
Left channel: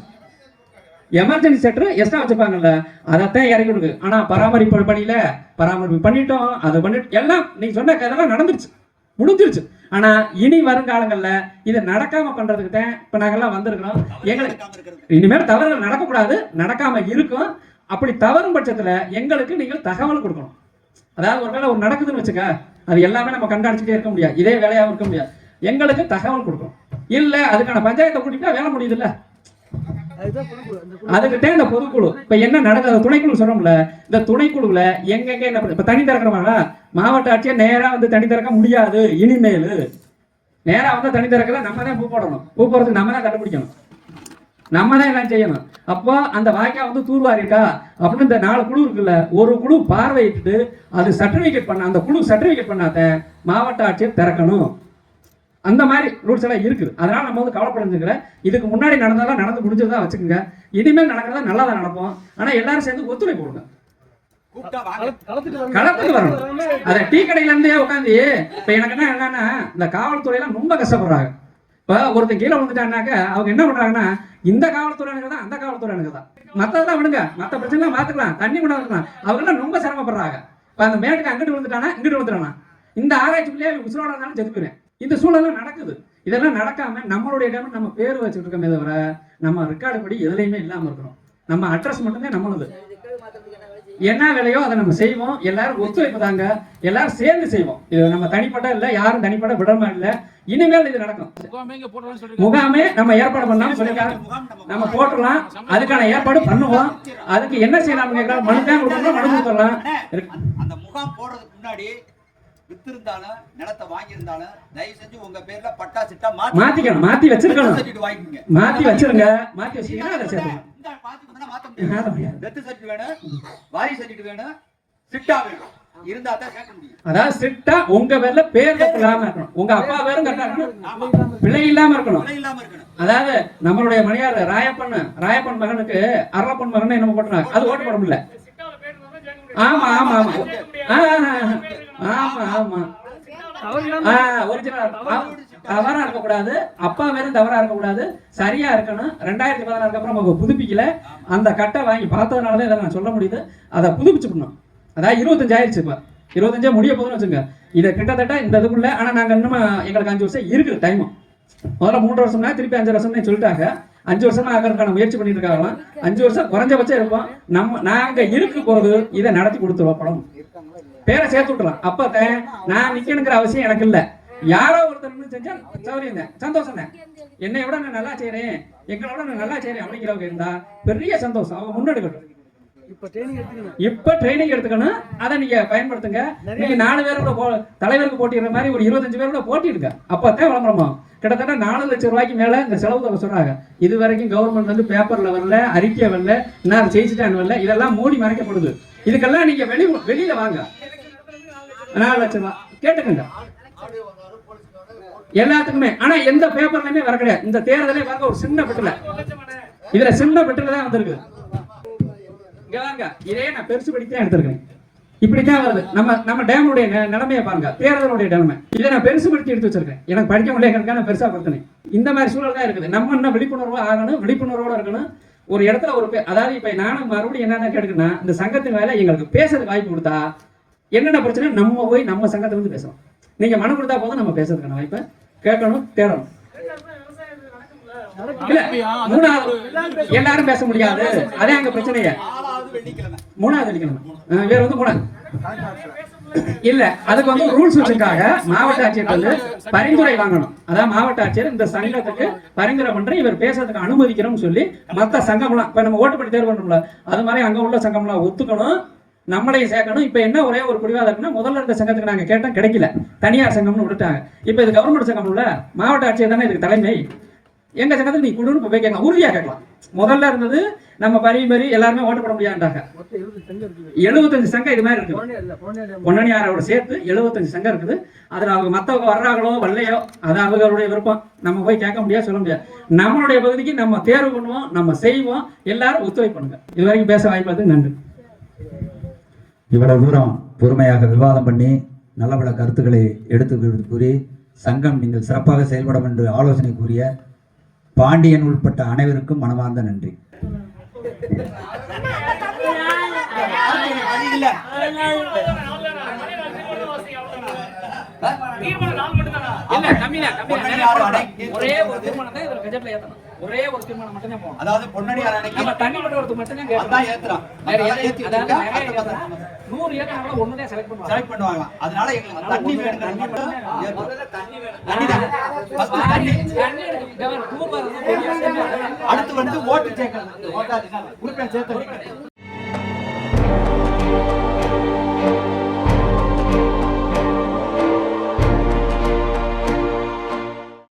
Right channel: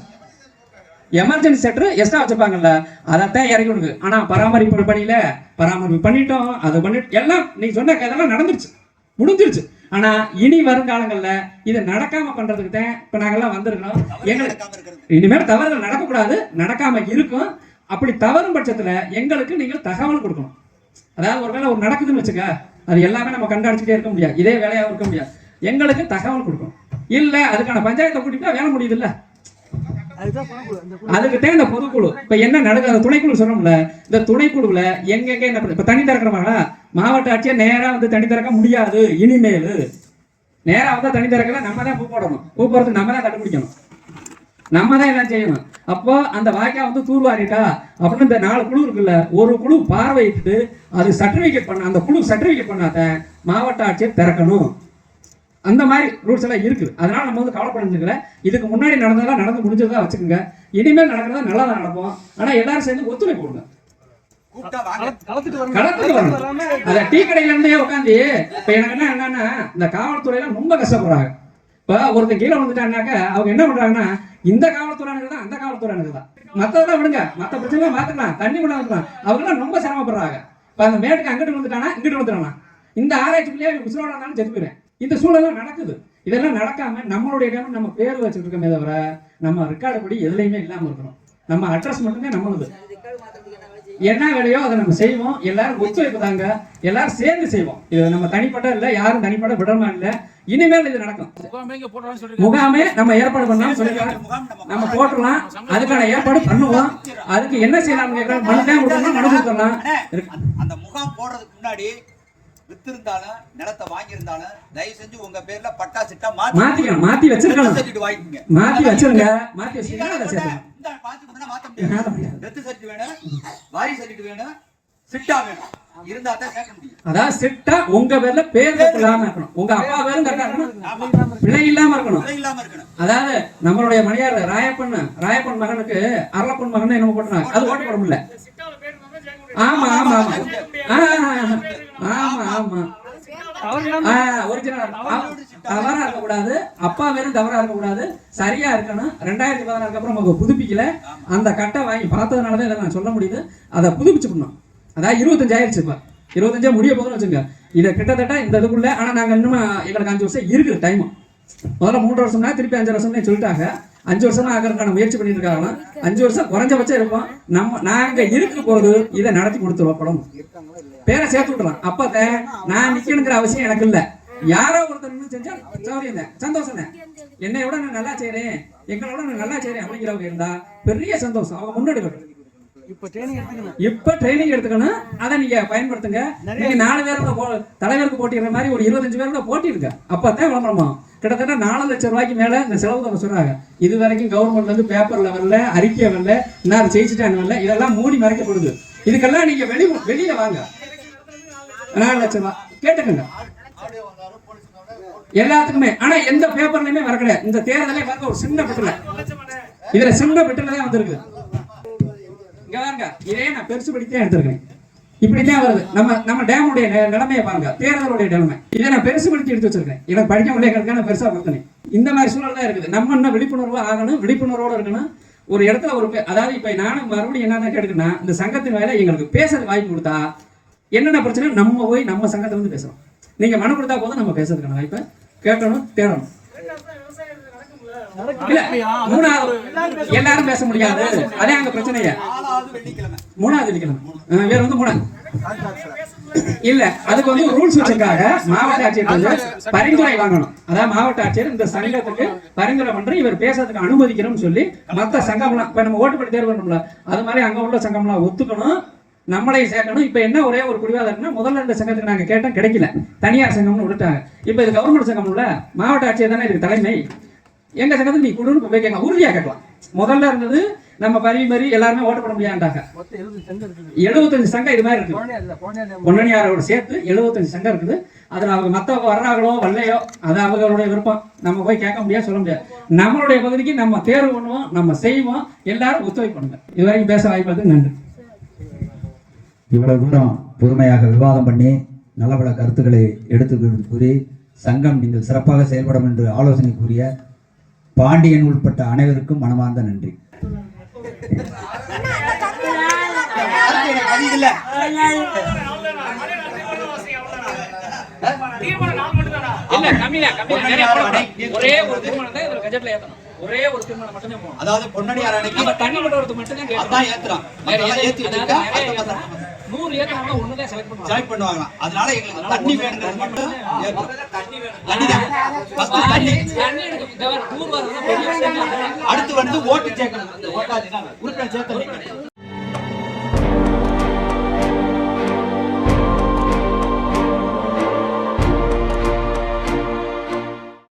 எமர்ஜென்சி செட்டர் எக்ஸ்ட்ரா வச்சிருப்பாங்கல்ல, அதைத்தான் இறக்கி விடுது. ஆனா பராமரிப்பு பணியில பராமரிப்பு பண்ணிட்டோம், அதை பண்ணிட்டு எல்லாம் நீங்க சொன்ன கதெல்லாம் நடந்துருச்சு, முடிஞ்சிருச்சு. ஆனா இனி வருங்காலங்கள்ல இதை நடக்காம பண்றதுக்கு தான் இப்ப நாங்கெல்லாம் வந்திருக்கிறோம். எங்களுக்கு இனிமேல் தவறுகள் நடக்கக்கூடாது, நடக்காம இருக்கும். அப்படி தவறும் பட்சத்துல எங்களுக்கு நீங்கள் தகவல் கொடுக்கணும். அதாவது ஒருவேளை ஒரு நடக்குதுன்னு வச்சுக்க, அது எல்லாமே நம்ம கண்காணிச்சுட்டே இருக்க முடியாது, இதே வேலையாக இருக்க முடியாது. எங்களுக்கு தகவல் கொடுக்கணும். இல்ல அதுக்கான பஞ்சாயத்தை கூட்டிட்டு வேலை முடியுது இல்ல, அதுக்குதான் இந்த பொதுக்குழு. இப்ப என்ன நடக்குது, துணைக்குழு சொல்றோம்ல, இந்த துணைக்குழுல எங்கெங்க என்ன பண்ண, இப்ப தண்ணி திறக்கிறவங்க மாவட்ட ஆட்சியை நேரா வந்து தண்ணி திறக்க முடியாது. இனிமேல் நேரா வந்து தண்ணி திறக்கல, நம்ம தான் பூ போடணும், பூ போறதுக்கு நம்ம தான் கண்டுபிடிக்கணும், நம்ம தான் எல்லாம் செய்யணும். அப்போ அந்த வாய்க்கா வந்து தூர்வாரிட்டா அப்படின்னு இந்த 4 குழு இருக்குல்ல, ஒரு குழு பார்வையிட்டு அது சர்டிபிகேட் பண்ண, அந்த குழு சர்டிபிகேட் பண்ணாத மாவட்ட ஆட்சியர் திறக்கணும். அந்த மாதிரி ரூல்ஸ் எல்லாம் இருக்குது. அதனால நம்ம வந்து கவலைப்படைஞ்சுக்கல. இதுக்கு முன்னாடி நடந்ததெல்லாம் நடந்து முடிஞ்சதா வச்சுக்கோங்க. இனிமேல் நடக்கிறதா நல்லா தான் நடப்போம். ஆனா எல்லாரும் சேர்ந்து ஒத்துழைப்பு கொடுங்க, களத்துக்கு வரணும். அத டீ கடையில இருந்தே உட்காந்து இப்ப எனக்கு என்னன்னா, இந்த காவல்துறையெல்லாம் ரொம்ப கஷ்டப்படுறாங்க. இப்ப ஒருத்தன் கீழே வந்துட்டாங்கனாக்க அவங்க என்ன பண்றாங்கன்னா, இந்த காவல்துறையானது தான் அந்த காவல்துறையானது தான், மத்ததெல்லாம் விடுங்க, மத்த பிரச்சனை பாத்துக்கலாம், தண்ணி கூட இருக்கலாம். அவங்க எல்லாம் ரொம்ப சிரமப்படுறாங்க. இப்ப அந்த மேட்டுக்கு அங்கிட்டு வந்துட்டானா இங்கிட்டு வந்துட்டானா, இந்த ஆராய்ச்சிக்குள்ளே உசுரோட இருந்தாலும் செத்து போயிறேன். இந்த சூழலாம் நடக்குது. இதெல்லாம் நடக்காம நம்மளுடைய இடம் நம்ம பேர் வச்சுட்டு இருக்கோமே தவிர நம்ம ரெக்கார்டு படி எதுலையுமே இல்லாம இருக்கணும். நம்ம அட்ரஸ் மட்டுமே நம்மளுது. என்ன வேலையோ அதை நம்ம செய்வோம். எல்லாரும் ஒத்துழைப்பு தாங்க, எல்லாரும் சேர்ந்து செய்வோம். இது நம்ம தனிப்பட்ட இல்லை, யாரும் தனிப்பட்ட விடமா இல்லை. இனிமேல் இது நடக்கும். முகாமே நம்ம ஏற்பாடு பண்ணலாம் சொல்லிருக்காங்க, நம்ம போட்டுடலாம், அதுக்கான ஏற்பாடு பண்ணுவோம். அதுக்கு என்ன செய்யலாம் கேட்கலாம், மனு கொடுக்கலாம். அந்த முகாம் போடுறதுக்கு முன்னாடி வித்திருந்தாலும் நிலத்தை வாங்கியிருந்தாலும் தயவு செஞ்சு உங்க பேர்ல பட்டா சிட்டா மாத்திக்கலாம், மாத்தி வச்சிருக்கணும், மாத்தி வச்சிருங்க, மாத்தி வச்சிருக்கீங்க. மாத்த முடியாது. டெத் சர்டிஃபிகேட் வேணும், வாரி சர்டிஃபிகேட் வேணும், சிட்டா வேணும் இருந்தா தான் சேர்க்க முடியும். அதாவது சிட்டா உங்க பேர்ல பேர் இல்லாம இருக்கணும், உங்க அப்பா பேரும் கரெக்டா இருக்கணும், பிள்ளை இல்லாம இருக்கணும். பிழை இல்லாம இருக்கணும். அதாவது நம்மளுடைய மணியார் ராயப்பன் மகனுக்கு அரளப்பன் மகன் என்ன போட்டுனாங்க, அது ஓட்டு போட முடியல. சிட்டால பேர் இருந்தா தான் ஜெயிக்க முடியும். ஆமா ஆமா ஆமா ஆமா ஆமா ஒரிஜினல் தவறா இருக்கக்கூடாது, அப்பா பேரும் தவறா இருக்கக்கூடாது, சரியா இருக்கணும். 2016 அப்புறம் அவங்க புதுப்பிக்கல, அந்த கட்டை வாங்கி பார்த்ததுனாலதான் இதை நான் சொல்ல முடியுது. அதை புதுப்பிச்சுக்கணும். அதாவது 25 ஆயிடுச்சு, இப்ப 25 முடிய போதுன்னு வச்சுங்க. இதை கிட்டத்தட்ட இந்த இதுக்குள்ள, ஆனா நாங்க இன்னும் எங்களுக்கு 5 வருஷம் இருக்குது டைம். முதல்ல 3 வருஷம்னா திருப்பி 5 வருஷம்னு சொல்லிட்டாங்க. 5 வருஷமா ஆகிறதுக்கான முயற்சி பண்ணிட்டு இருக்காங்க. 5 வருஷம் குறைஞ்சபட்சம் இருப்போம். நாங்க இருக்க போறது இதை நடத்தி கொடுத்துருவோம். படம் பேரை சேர்த்து விட்டுலாம். அப்ப நான் நிக்கணுங்கிற அவசியம் எனக்கு இல்ல. யாரோ ஒருத்தர் செஞ்சா சௌரியம் சந்தோஷம் தான். என்னை விட நான் நல்லா செய்யறேன், எங்களோட நான் நல்லா செய்யறேன் அப்படிங்கிறவங்க இருந்தா பெரிய சந்தோஷம். அவங்க முன்னெடுக்கணும். இப்ப ட்ரைனிங் எடுத்துக்கணும். அதை நீங்க பயன்படுத்துங்க. நீங்க 4 பேரோட தலைவருக்கு போட்டிடுற மாதிரி ஒரு 25 பேரோட போட்டிடுங்க. அப்பதான் விளம்பரமாகும். கிட்டத்தட்ட 4 லட்சம் ரூபாய்க்கு மேல இந்த செலவு தொகை சொன்னாங்க. இது வரைக்கும் கவர்மெண்ட் வந்து பேப்பர்ல வரல, அறிக்கை வரல, இன்னும் ஜெயிச்சுட்டான்னு வரல. இதெல்லாம் மூடி மறைக்கப்படுது. இதுக்கெல்லாம் நீங்க வெளியில வாங்க. 4 லட்சம் ரூபாய் கேட்டுக்கங்க எல்லாத்துக்குமே. ஆனா எந்த பேப்பர்லயுமே வர கிடையாது. இந்த தேர்தலே பாருங்க, ஒரு சின்ன பெட்டில, இதுல சின்ன பெட்டில தான் வந்திருக்கு. இங்க வாங்க, இதே நான் பெருசு படித்தான் எடுத்திருக்கேன். இப்படித்தான் வருது. நம்ம டேமுடைய நிலைமையை பாருங்க, தேர்தலுடைய நிலைமை. இதை நான் பெருசு படுத்தி எடுத்து வச்சிருக்கேன். எனக்கு படிக்க முடியாது, நான் பெருசா படுத்தினேன். இந்த மாதிரி சூழல் தான் இருக்குது. நம்ம இன்னும் விழிப்புணர்வா ஆகணும், விழிப்புணர்வோட இருக்கணும். ஒரு இடத்துல அதாவது இப்ப நானும் மறுபடியும் என்னென்ன கேட்டுக்கன்னா, இந்த சங்கத்தின் மேல எங்களுக்கு பேசுறது வாய்ப்பு கொடுத்தா என்னென்ன பிரச்சனை நம்ம போய் நம்ம சங்கத்தை வந்து பேசணும். நீங்க மனு கொடுத்தா போதும், நம்ம பேசுறதுக்கான வாய்ப்பை கேட்கணும், தேடணும். இல்ல 3வது எல்லாரும் பேச முடியாது, அதே எங்க பிரச்சனையா. 3வது வெள்ளிக்கிழமை வேற வந்து 3 இல்ல, அதுக்கு வந்து ரூல்ஸ் வச்சிருக்காங்க. மாவட்ட ஆட்சியர் வந்து பரிந்துரை வாங்கணும். அதாவது மாவட்ட ஆட்சியர் இந்த சங்கத்துக்கு பரிந்துரை பண்ற, இவர் பேசுறதுக்கு அனுமதிக்கிறோம்னு சொல்லி மத்த சங்கம்லாம், இப்ப நம்ம ஓட்டுப்படி தேர்வு பண்ணணும்ல, அது மாதிரி அங்க உள்ள சங்கம்லாம் ஒத்துக்கணும், நம்மளையும் சேர்க்கணும். இப்ப என்ன ஒரே ஒரு குடிவாதம் இருக்குன்னா, முதல்ல இந்த சங்கத்துக்கு நாங்க கேட்டோம், கிடைக்கல, தனியார் சங்கம்னு விட்டுட்டாங்க. இப்ப இது கவர்மெண்ட் சங்கம்ல, மாவட்ட ஆட்சியர் தானே இதுக்கு தலைமை. எங்க சங்கத்தில் நீ குடுன்னு போய் கேட்கலாம், உறுதியா கேட்கலாம். முதல்ல இருந்தது நம்ம பரி எல்லாருமே ஓட்டு போட முடியாண்டாங்க. 75 சங்கம் இது மாதிரி இருக்கு. பொன்னணியாரோட சேர்த்து 75 சங்கம் இருக்குது. அதுல அவங்க மத்தவங்க வர்றாங்களோ வரலையோ அது அவங்களுடைய விருப்பம். நம்ம போய் கேட்க முடியாது, சொல்ல முடியாது. நம்மளுடைய பகுதிக்கு நம்ம தேர்வு பண்ணுவோம், நம்ம செய்வோம். எல்லாரும் ஒத்துழைப்பு பண்ணுங்க. இதுவரைக்கும் பேச வாய்ப்பு நன்றி. இவ்வளவு தூரம் பொறுமையாக விவாதம் பண்ணி நல்ல பல கருத்துக்களை எடுத்து கூறி சங்கம் நீங்கள் சிறப்பாக செயல்படும் என்று ஆலோசனை கூறிய பாண்டியன் உட்பட்ட அனைவருக்கும் மனமார்ந்த நன்றி. ஒரே ஒரு தீர்மானம் தான் இதுல கஜெட்ல ஏத்தணும். ஒரே ஒரு தீர்மானம் மட்டும் தான் போகணும். அதாவது பொன்னணியார் அணைக்கு தண்ணி விடுறது மட்டும் தான் அதான் ஏத்துறோம். வேற எதுவும் 100 ஏக்கர் ஒண்ணுதான் செலக்ட் பண்ணுவாங்க. அதனால எங்களுக்கு தண்ணி வேணுங்கிறது மட்டும் அடுத்து வந்து ஓட்டு சேர்க்கணும். உறுப்பினர் சேர்த்து